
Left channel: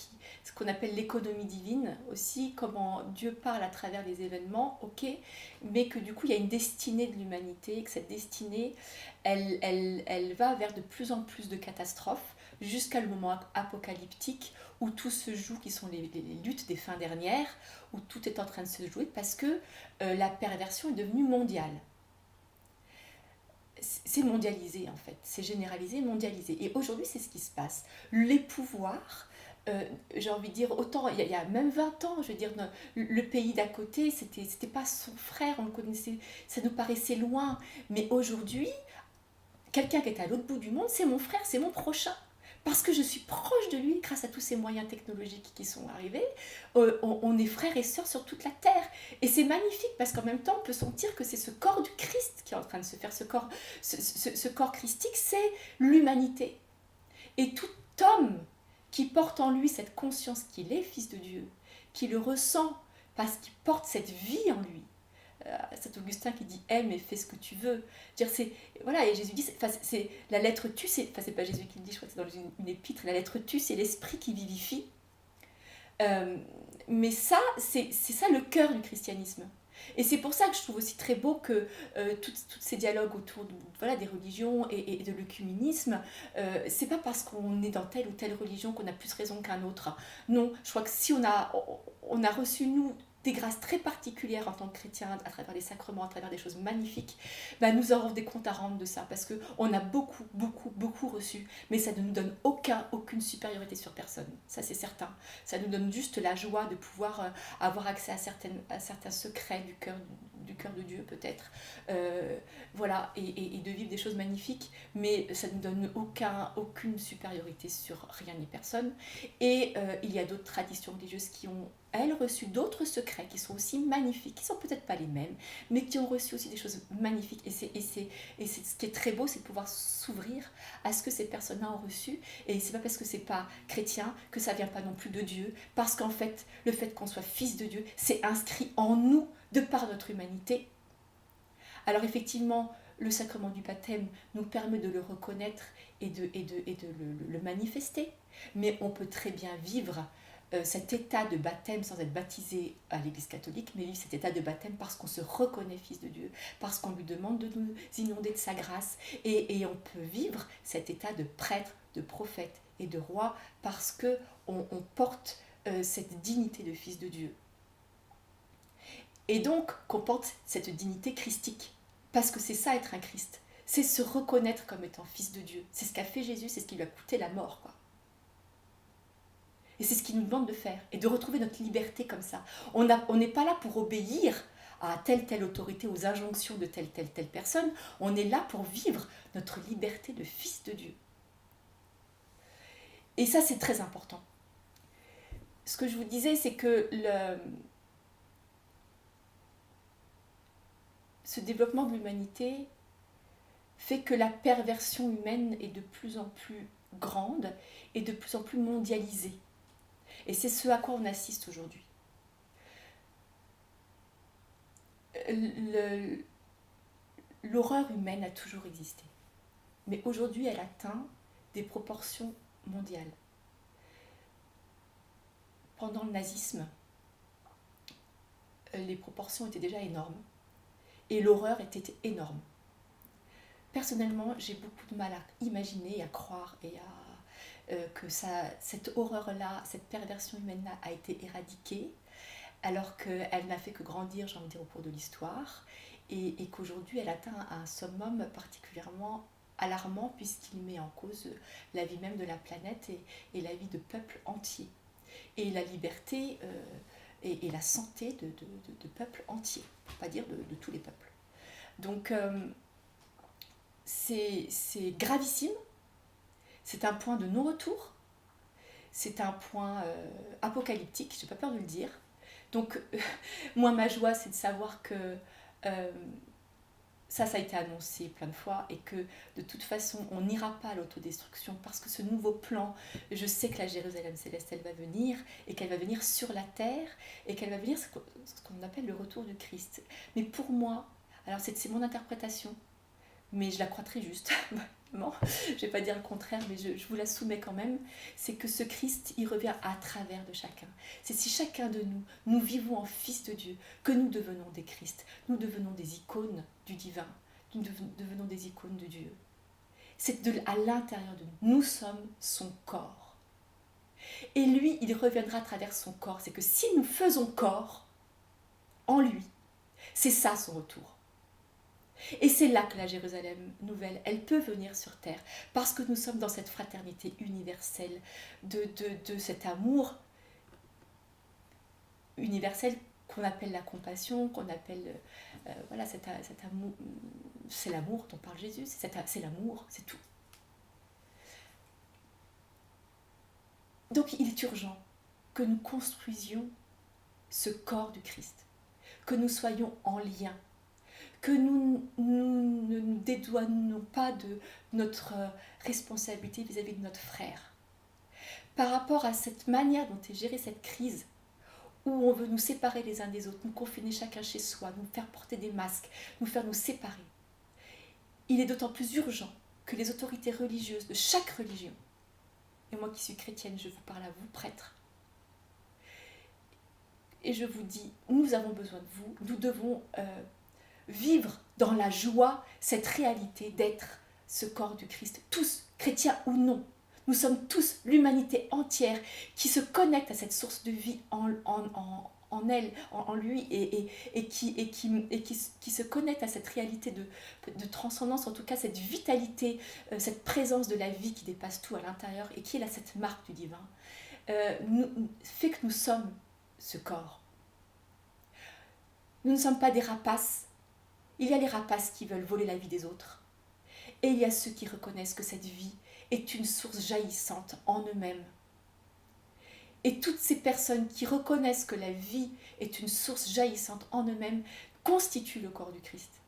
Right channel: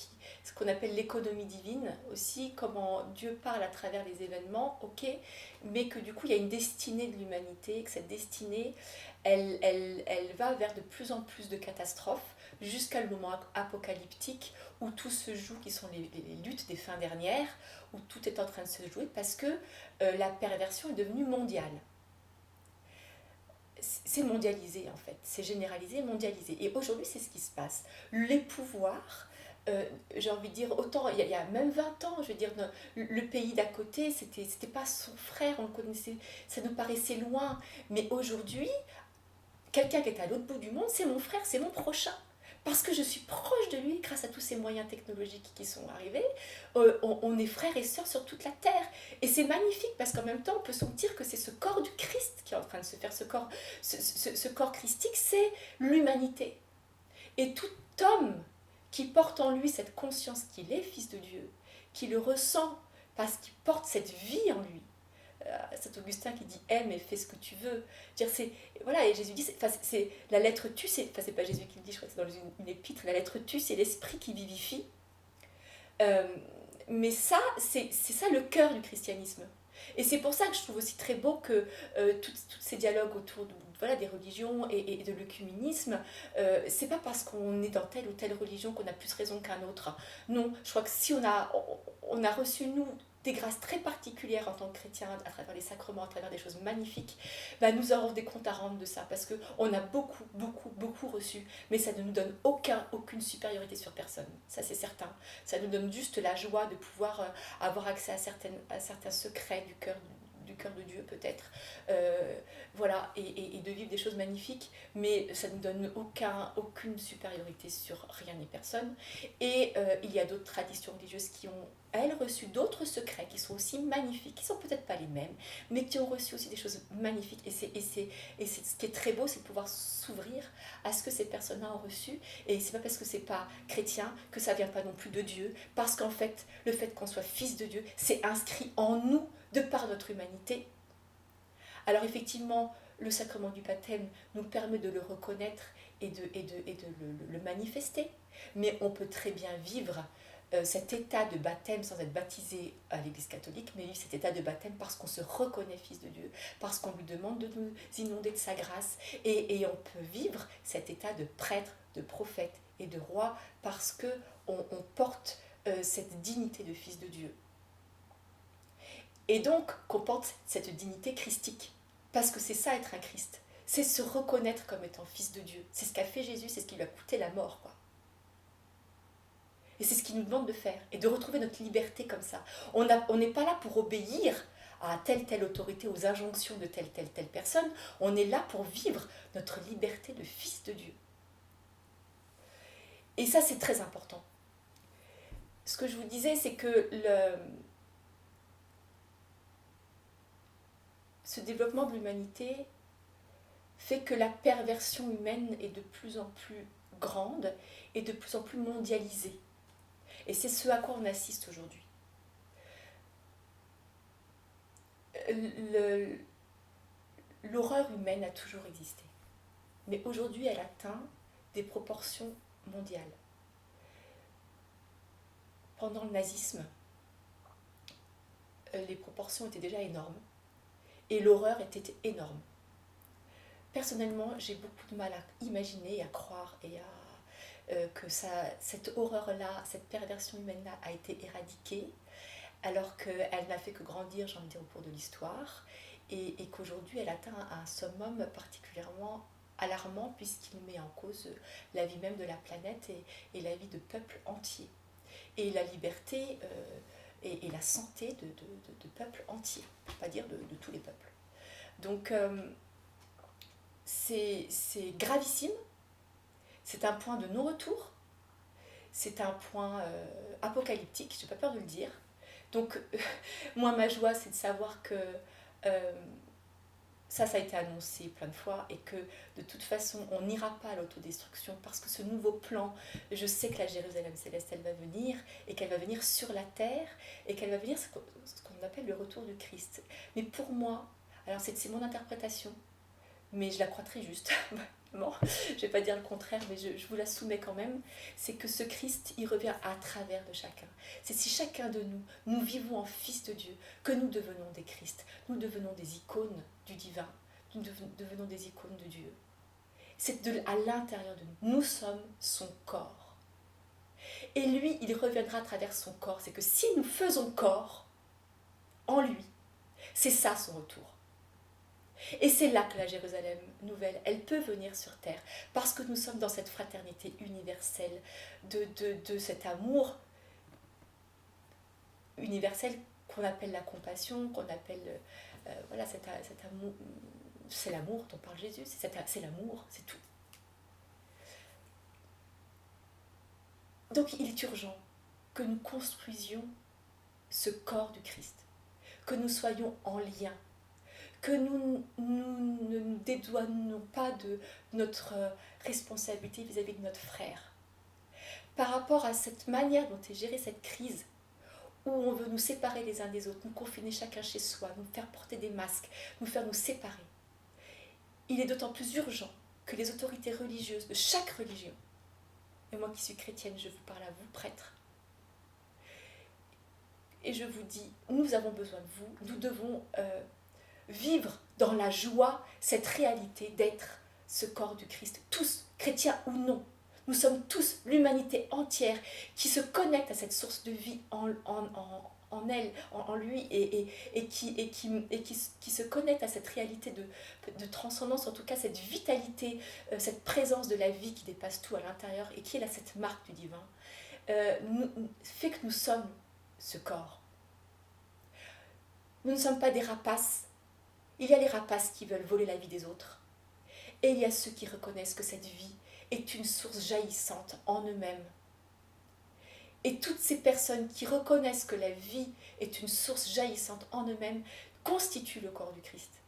ce qu'on appelle l'économie divine aussi, comment Dieu parle à travers les événements, ok, mais que du coup il y a une destinée de l'humanité, que cette destinée, elle va vers de plus en plus de catastrophes, jusqu'à le moment apocalyptique où tout se joue, qui sont les luttes des fins dernières, où tout est en train de se jouer, parce que la perversion est devenue mondiale. C'est mondialisé en fait, c'est généralisé, mondialisé. Et aujourd'hui, c'est ce qui se passe. Les pouvoirs, j'ai envie de dire, autant il y a même 20 ans, je veux dire, le pays d'à côté, c'était pas son frère, on le connaissait, ça nous paraissait loin. Mais aujourd'hui, quelqu'un qui est à l'autre bout du monde, c'est mon frère, c'est mon prochain. Parce que je suis proche de lui grâce à tous ces moyens technologiques qui sont arrivés. On est frères et sœurs sur toute la terre. Et c'est magnifique parce qu'en même temps, on peut sentir que c'est ce corps du Christ qui est en train de se faire. Ce corps christique, c'est l'humanité. Et tout homme qui porte en lui cette conscience qu'il est fils de Dieu, qui le ressent parce qu'il porte cette vie en lui. Saint Augustin qui dit aime et fais ce que tu veux. Dire c'est voilà, et Jésus dit c'est la lettre tu, c'est pas Jésus qui le dit, je crois que c'est dans une épître, la lettre tu, c'est l'esprit qui vivifie. Mais ça c'est ça le cœur du christianisme. Et c'est pour ça que je trouve aussi très beau que tous ces dialogues autour voilà, des religions et de l'œcuménisme, c'est pas parce qu'on est dans telle ou telle religion qu'on a plus raison qu'un autre. Non, je crois que si on a reçu, nous, des grâces très particulières en tant que chrétiens, à travers les sacrements, à travers des choses magnifiques, bah nous aurons des comptes à rendre de ça, parce qu'on a beaucoup reçu, mais ça ne nous donne aucune supériorité sur personne, ça c'est certain. Ça nous donne juste la joie de pouvoir avoir accès à certains secrets du cœur de Dieu peut-être, voilà, et de vivre des choses magnifiques, mais ça ne nous donne aucune supériorité sur rien ni personne. Et il y a d'autres traditions religieuses qui ont, elles, reçu d'autres secrets qui sont aussi magnifiques, qui sont peut-être pas les mêmes, mais qui ont reçu aussi des choses magnifiques. Et c'est ce qui est très beau, c'est de pouvoir s'ouvrir à ce que ces personnes-là ont reçu. Et c'est pas parce que c'est pas chrétien que ça vient pas non plus de Dieu, parce qu'en fait, le fait qu'on soit fils de Dieu, c'est inscrit en nous de par notre humanité. Alors effectivement, le sacrement du baptême nous permet de le reconnaître et de le manifester, mais on peut très bien vivre cet état de baptême sans être baptisé à l'Église catholique, mais vivre cet état de baptême parce qu'on se reconnaît fils de Dieu, parce qu'on lui demande de nous inonder de sa grâce, et on peut vivre cet état de prêtre, de prophète et de roi parce que on porte cette dignité de fils de Dieu. Et donc qu'on porte cette dignité christique, parce que c'est ça être un Christ, c'est se reconnaître comme étant fils de Dieu. C'est ce qu'a fait Jésus, c'est ce qui lui a coûté la mort, quoi. Et c'est ce qu'il nous demande de faire, et de retrouver notre liberté comme ça. On n'est pas là pour obéir à telle autorité, aux injonctions de telle personne. On est là pour vivre notre liberté de fils de Dieu. Et ça, c'est très important. Ce que je vous disais, c'est que ce développement de l'humanité fait que la perversion humaine est de plus en plus grande et de plus en plus mondialisée. Et c'est ce à quoi on assiste aujourd'hui. L'horreur humaine a toujours existé. Mais aujourd'hui, elle atteint des proportions mondiales. Pendant le nazisme, les proportions étaient déjà énormes. Et l'horreur était énorme. Personnellement, j'ai beaucoup de mal à imaginer, à croire et que cette horreur-là, cette perversion humaine-là a été éradiquée, alors qu'elle n'a fait que grandir, j'ai envie de dire, au cours de l'histoire, et qu'aujourd'hui elle atteint un summum particulièrement alarmant puisqu'il met en cause la vie même de la planète et la vie de peuples entiers, et la liberté et la santé de peuples entiers, pour ne pas dire de tous les peuples. Donc c'est gravissime, c'est un point de non-retour, c'est un point apocalyptique, je n'ai pas peur de le dire. Donc moi ma joie c'est de savoir que ça a été annoncé plein de fois et que de toute façon on n'ira pas à l'autodestruction parce que ce nouveau plan, je sais que la Jérusalem céleste elle va venir et qu'elle va venir sur la terre et qu'elle va venir ce qu'on appelle le retour du Christ. Mais pour moi, alors c'est mon interprétation, mais je la crois très juste, vraiment, je ne vais pas dire le contraire, mais je vous la soumets quand même, c'est que ce Christ, il revient à travers de chacun. C'est si chacun de nous, nous vivons en fils de Dieu, que nous devenons des Christ, nous devenons des icônes du divin, nous devenons des icônes de Dieu. C'est à l'intérieur de nous, nous sommes son corps. Et lui, il reviendra à travers son corps, c'est que si nous faisons corps en lui, c'est ça son retour. Et c'est là que la Jérusalem nouvelle, elle peut venir sur terre, parce que nous sommes dans cette fraternité universelle, de cet amour universel qu'on appelle la compassion, qu'on appelle, voilà, cet amour, c'est l'amour dont parle Jésus, c'est l'amour, c'est tout. Donc il est urgent que nous construisions ce corps du Christ, que nous soyons en lien, que nous ne nous dédouanons pas de notre responsabilité vis-à-vis de notre frère. Par rapport à cette manière dont est gérée cette crise, où on veut nous séparer les uns des autres, nous confiner chacun chez soi, nous faire porter des masques, nous faire nous séparer, il est d'autant plus urgent que les autorités religieuses de chaque religion, et moi qui suis chrétienne, je vous parle à vous, prêtres, et je vous dis, nous avons besoin de vous, nous devons vivre dans la joie cette réalité d'être ce corps du Christ, tous, chrétiens ou non. Nous sommes tous l'humanité entière qui se connecte à cette source de vie en elle, en lui, et qui se connecte à cette réalité de transcendance, en tout cas cette vitalité, cette présence de la vie qui dépasse tout à l'intérieur et qui est là, cette marque du divin, fait que nous sommes ce corps. Nous ne sommes pas des rapaces. Il y a les rapaces qui veulent voler la vie des autres. Et il y a ceux qui reconnaissent que cette vie est une source jaillissante en eux-mêmes. Et toutes ces personnes qui reconnaissent que la vie est une source jaillissante en eux-mêmes constituent le corps du Christ.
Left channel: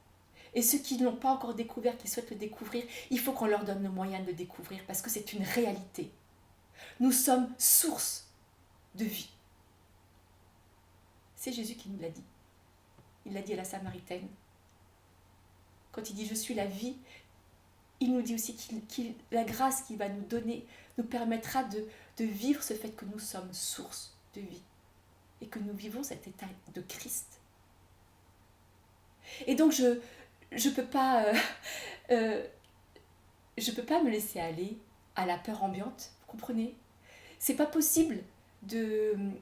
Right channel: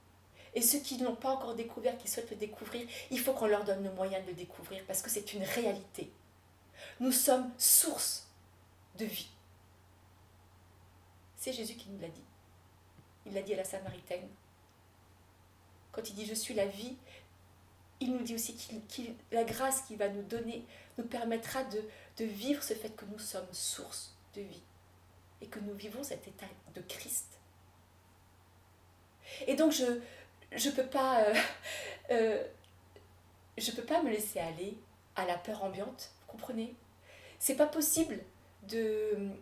Et ceux qui ne l'ont pas encore découvert, qui souhaitent le découvrir, il faut qu'on leur donne le moyen de le découvrir parce que c'est une réalité. Nous sommes source de vie. C'est Jésus qui nous l'a dit. Il l'a dit à la Samaritaine. Quand il dit « je suis la vie », il nous dit aussi que la grâce qu'il va nous donner nous permettra de vivre ce fait que nous sommes source de vie et que nous vivons cet état de Christ. Et donc je peux pas me laisser aller à la peur ambiante, vous comprenez? C'est pas possible de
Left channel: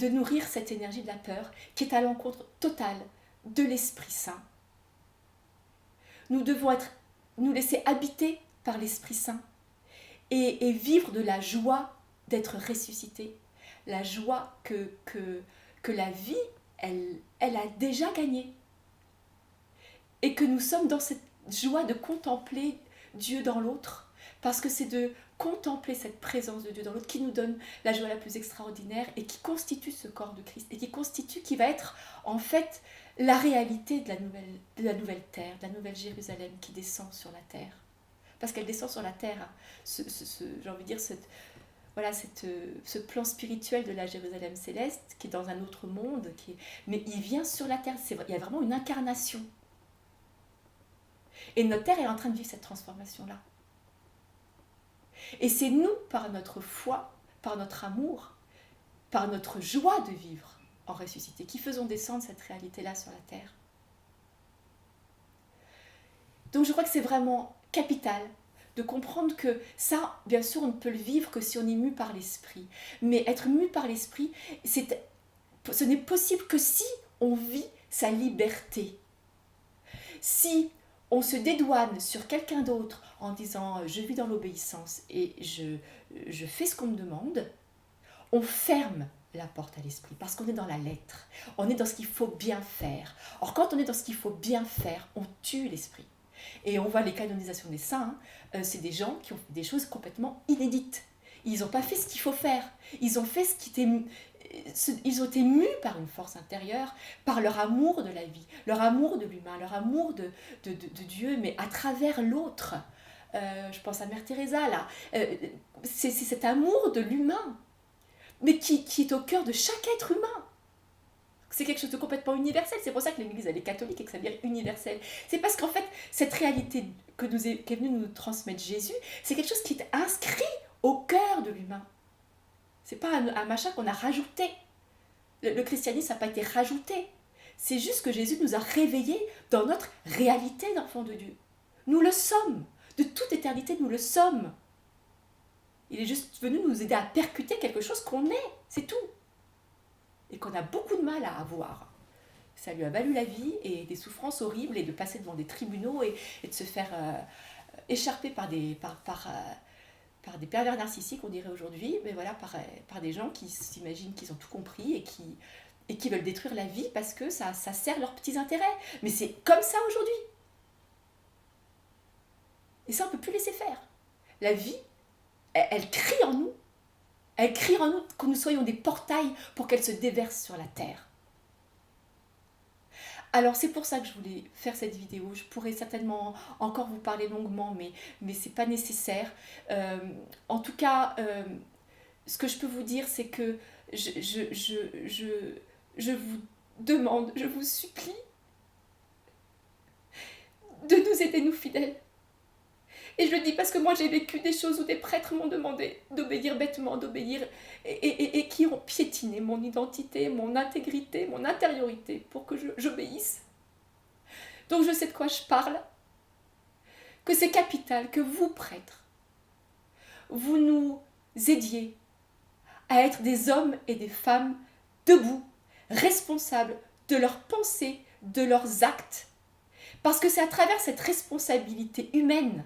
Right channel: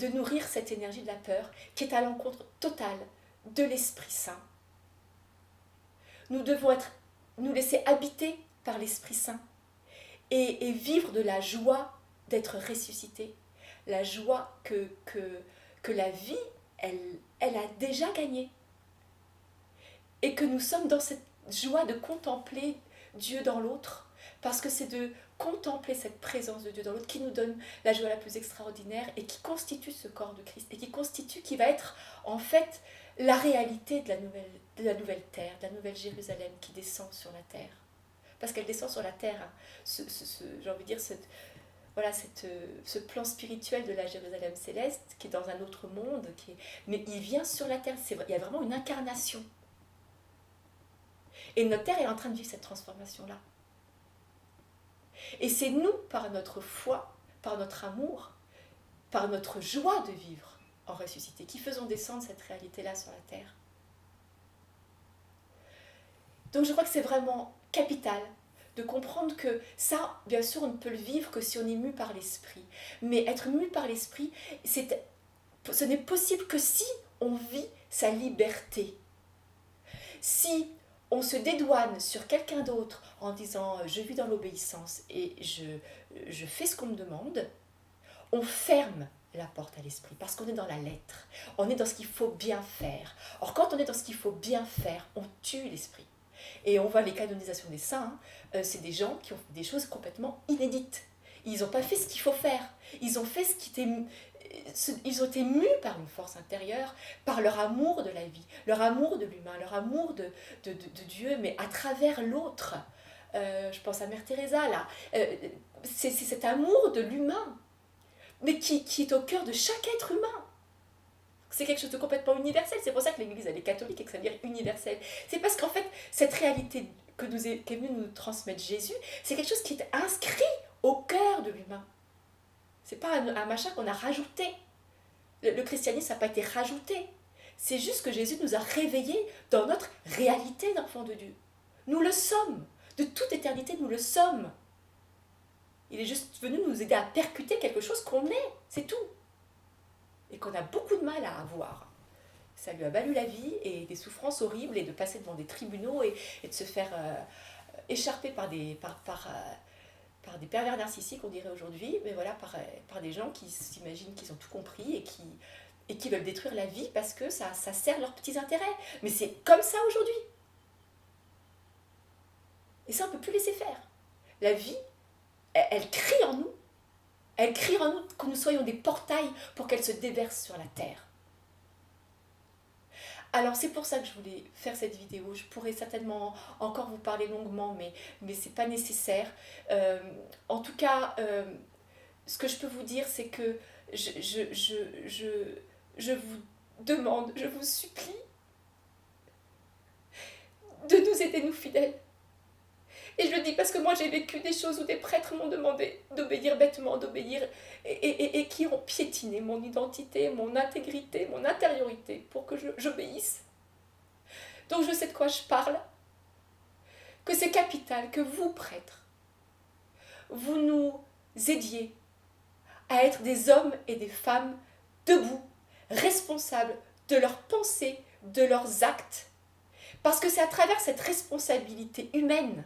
nourrir cette énergie de la peur qui est à l'encontre totale de l'Esprit Saint. Nous devons nous laisser habiter par l'Esprit Saint et vivre de la joie d'être ressuscité, la joie que la vie, elle a déjà gagné. Et que nous sommes dans cette joie de contempler Dieu dans l'autre, parce que c'est de contempler cette présence de Dieu dans l'autre qui nous donne la joie la plus extraordinaire et qui constitue ce corps de Christ et qui va être en fait la réalité de la nouvelle terre, de la nouvelle Jérusalem qui descend sur la terre. Parce qu'elle descend sur la terre, hein. J'ai envie de dire, ce plan spirituel de la Jérusalem céleste qui est dans un autre monde, mais il vient sur la terre, il y a vraiment une incarnation. Et notre terre est en train de vivre cette transformation-là. Et c'est nous, par notre foi, par notre amour, par notre joie de vivre en ressuscité, qui faisons descendre cette réalité-là sur la terre. Donc je crois que c'est vraiment capital de comprendre que ça, bien sûr, on ne peut le vivre que si on est mu par l'esprit. Mais être mu par l'esprit, ce n'est possible que si on vit sa liberté. Si on se dédouane sur quelqu'un d'autre en disant « je vis dans l'obéissance et je fais ce qu'on me demande », on ferme la porte à l'esprit parce qu'on est dans la lettre, on est dans ce qu'il faut bien faire. Or, quand on est dans ce qu'il faut bien faire, on tue l'esprit. Et on voit les canonisations des saints, c'est des gens qui ont fait des choses complètement inédites. Ils n'ont pas fait ce qu'il faut faire. Ils ont fait ils ont été mus par une force intérieure, par leur amour de la vie, leur amour de l'humain, leur amour de Dieu, mais à travers l'autre. Je pense à Mère Teresa, là. C'est cet amour de l'humain, mais qui est au cœur de chaque être humain. C'est quelque chose de complètement universel. C'est pour ça que l'Église, elle est catholique et que ça veut dire universel. C'est parce qu'en fait, cette réalité qu'est venu nous transmettre Jésus, c'est quelque chose qui est inscrit au cœur de l'humain. C'est pas un machin qu'on a rajouté. Le christianisme n'a pas été rajouté. C'est juste que Jésus nous a réveillés dans notre réalité d'enfants de Dieu. Nous le sommes. De toute éternité, nous le sommes. Il est juste venu nous aider à percuter quelque chose qu'on est. C'est tout. Et qu'on a beaucoup de mal à avoir. Ça lui a valu la vie et des souffrances horribles et de passer devant des tribunaux et de se faire écharper par des pervers narcissiques, on dirait aujourd'hui, mais voilà, par des gens qui s'imaginent qu'ils ont tout compris et qui veulent détruire la vie parce que ça sert leurs petits intérêts. Mais c'est comme ça aujourd'hui. Et ça, on ne peut plus laisser faire. La vie, elle crie en nous. Elle crie en nous que nous soyons des portails pour qu'elle se déverse sur la terre. Alors c'est pour ça que je voulais faire cette vidéo. Je pourrais certainement encore vous parler longuement, mais c'est pas nécessaire. Euh, En tout cas, ce que je peux vous dire, c'est que je, je, je, je, je vous demande, je vous supplie de nous aider, nous fidèles. Et je le dis parce que moi j'ai vécu des choses où des prêtres m'ont demandé d'obéir bêtement, d'obéir, et qui ont piétiné mon identité, mon intégrité, mon intériorité pour que j'obéisse. Donc je sais de quoi je parle, que c'est capital que vous, prêtres, vous nous aidiez à être des hommes et des femmes debout, responsables de leurs pensées, de leurs actes. Parce que c'est à travers cette responsabilité humaine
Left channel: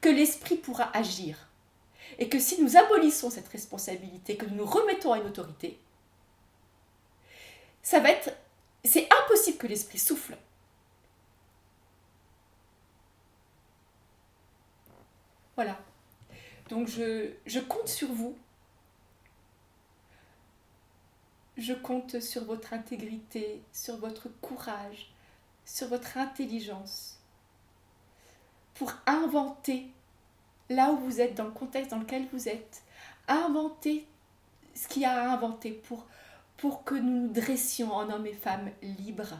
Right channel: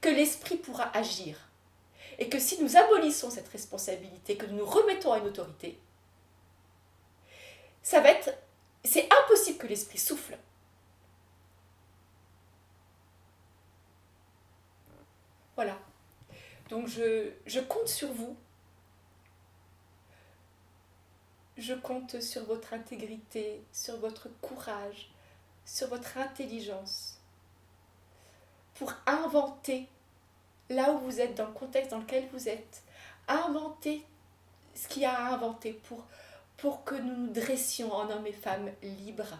que l'esprit pourra agir. Et que si nous abolissons cette responsabilité, que nous nous remettons à une autorité, c'est impossible que l'esprit souffle. Voilà. Donc je compte sur vous. Je compte sur votre intégrité, sur votre courage, sur votre intelligence, pour inventer là où vous êtes, dans le contexte dans lequel vous êtes, inventer ce qu'il y a à inventer pour que nous nous dressions en hommes et femmes libres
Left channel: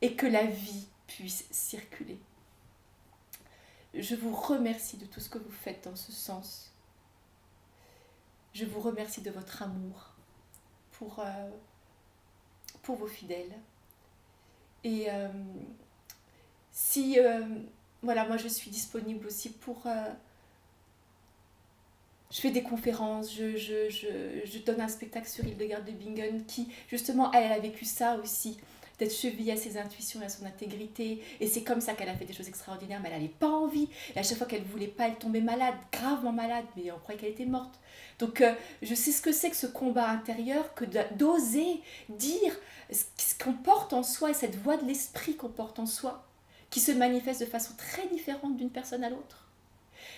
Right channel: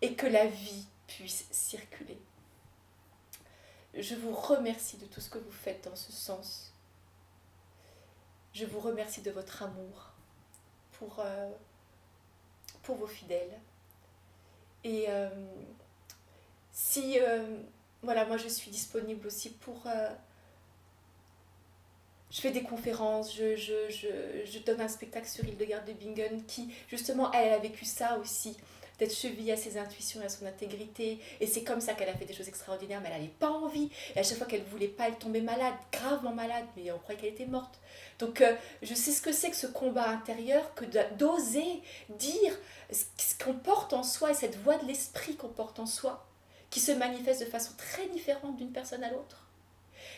et que la vie puisse circuler. Je vous remercie de tout ce que vous faites dans ce sens. Je vous remercie de votre amour pour vos fidèles. Et si, voilà, moi je suis disponible aussi pour... je fais des conférences, je donne un spectacle sur Hildegard de Bingen qui, justement, elle a vécu ça aussi, d'être chevillée à ses intuitions et à son intégrité. Et c'est comme ça qu'elle a fait des choses extraordinaires, mais elle n'avait pas envie. Et à chaque fois qu'elle ne voulait pas, elle tombait malade, gravement malade, mais on croyait qu'elle était morte. Donc je sais ce que c'est que ce combat intérieur, que d'oser dire ce qu'on porte en soi et cette voix de l'esprit qu'on porte en soi, qui se manifeste de façon très différente d'une personne à l'autre.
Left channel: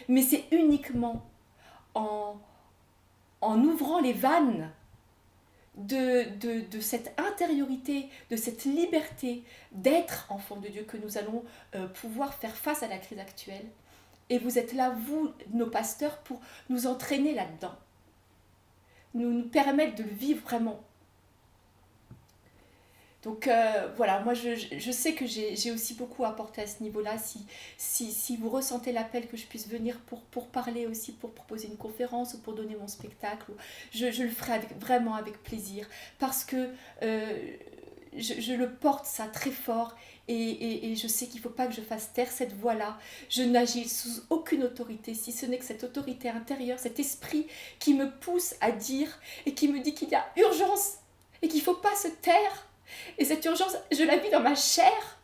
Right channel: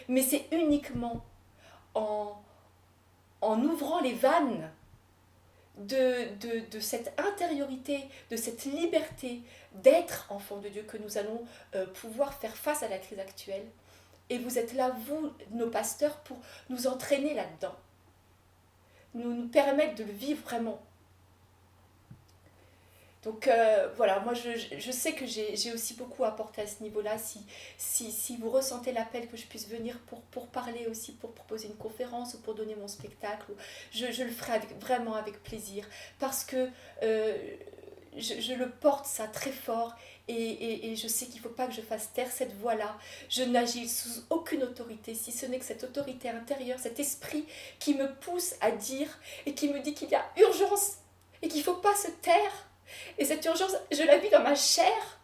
Mais c'est uniquement en ouvrant les vannes de cette intériorité, de cette liberté d'être enfant de Dieu que nous allons pouvoir faire face à la crise actuelle. Et vous êtes là, vous, nos pasteurs, pour nous entraîner là-dedans, nous permettre de le vivre vraiment. Donc voilà, moi je sais que j'ai aussi beaucoup apporté à ce niveau-là. Si vous ressentez l'appel que je puisse venir pour parler aussi, pour proposer une conférence ou pour donner mon spectacle, je le ferai vraiment avec plaisir. Parce que je le porte ça très fort et je sais qu'il ne faut pas que je fasse taire cette voix-là. Je n'agis sous aucune autorité, si ce n'est que cette autorité intérieure, cet esprit qui me pousse à dire et qui me dit qu'il y a urgence et qu'il ne faut pas se taire. Et cette urgence, je la vis dans ma chair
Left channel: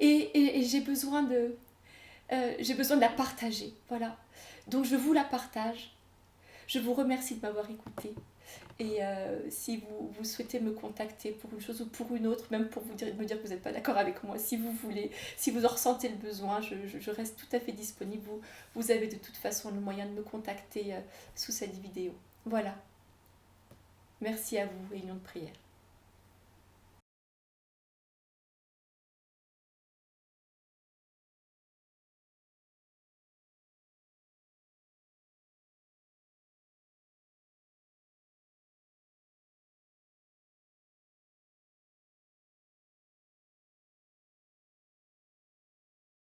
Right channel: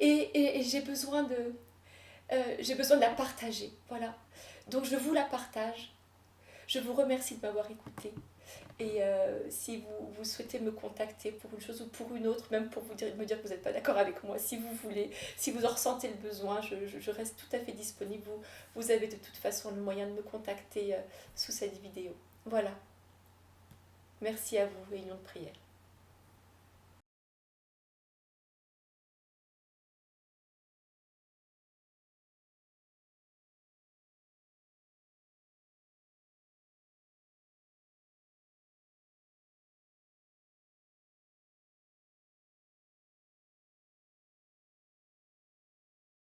et j'ai besoin de la partager. Voilà. Donc je vous la partage. Je vous remercie de m'avoir écouté. Et si vous souhaitez me contacter pour une chose ou pour une autre, même pour me dire que vous n'êtes pas d'accord avec moi, si vous voulez, si vous en ressentez le besoin, je reste tout à fait disponible. Vous avez de toute façon le moyen de me contacter sous cette vidéo. Voilà. Merci à vous, réunion de prière.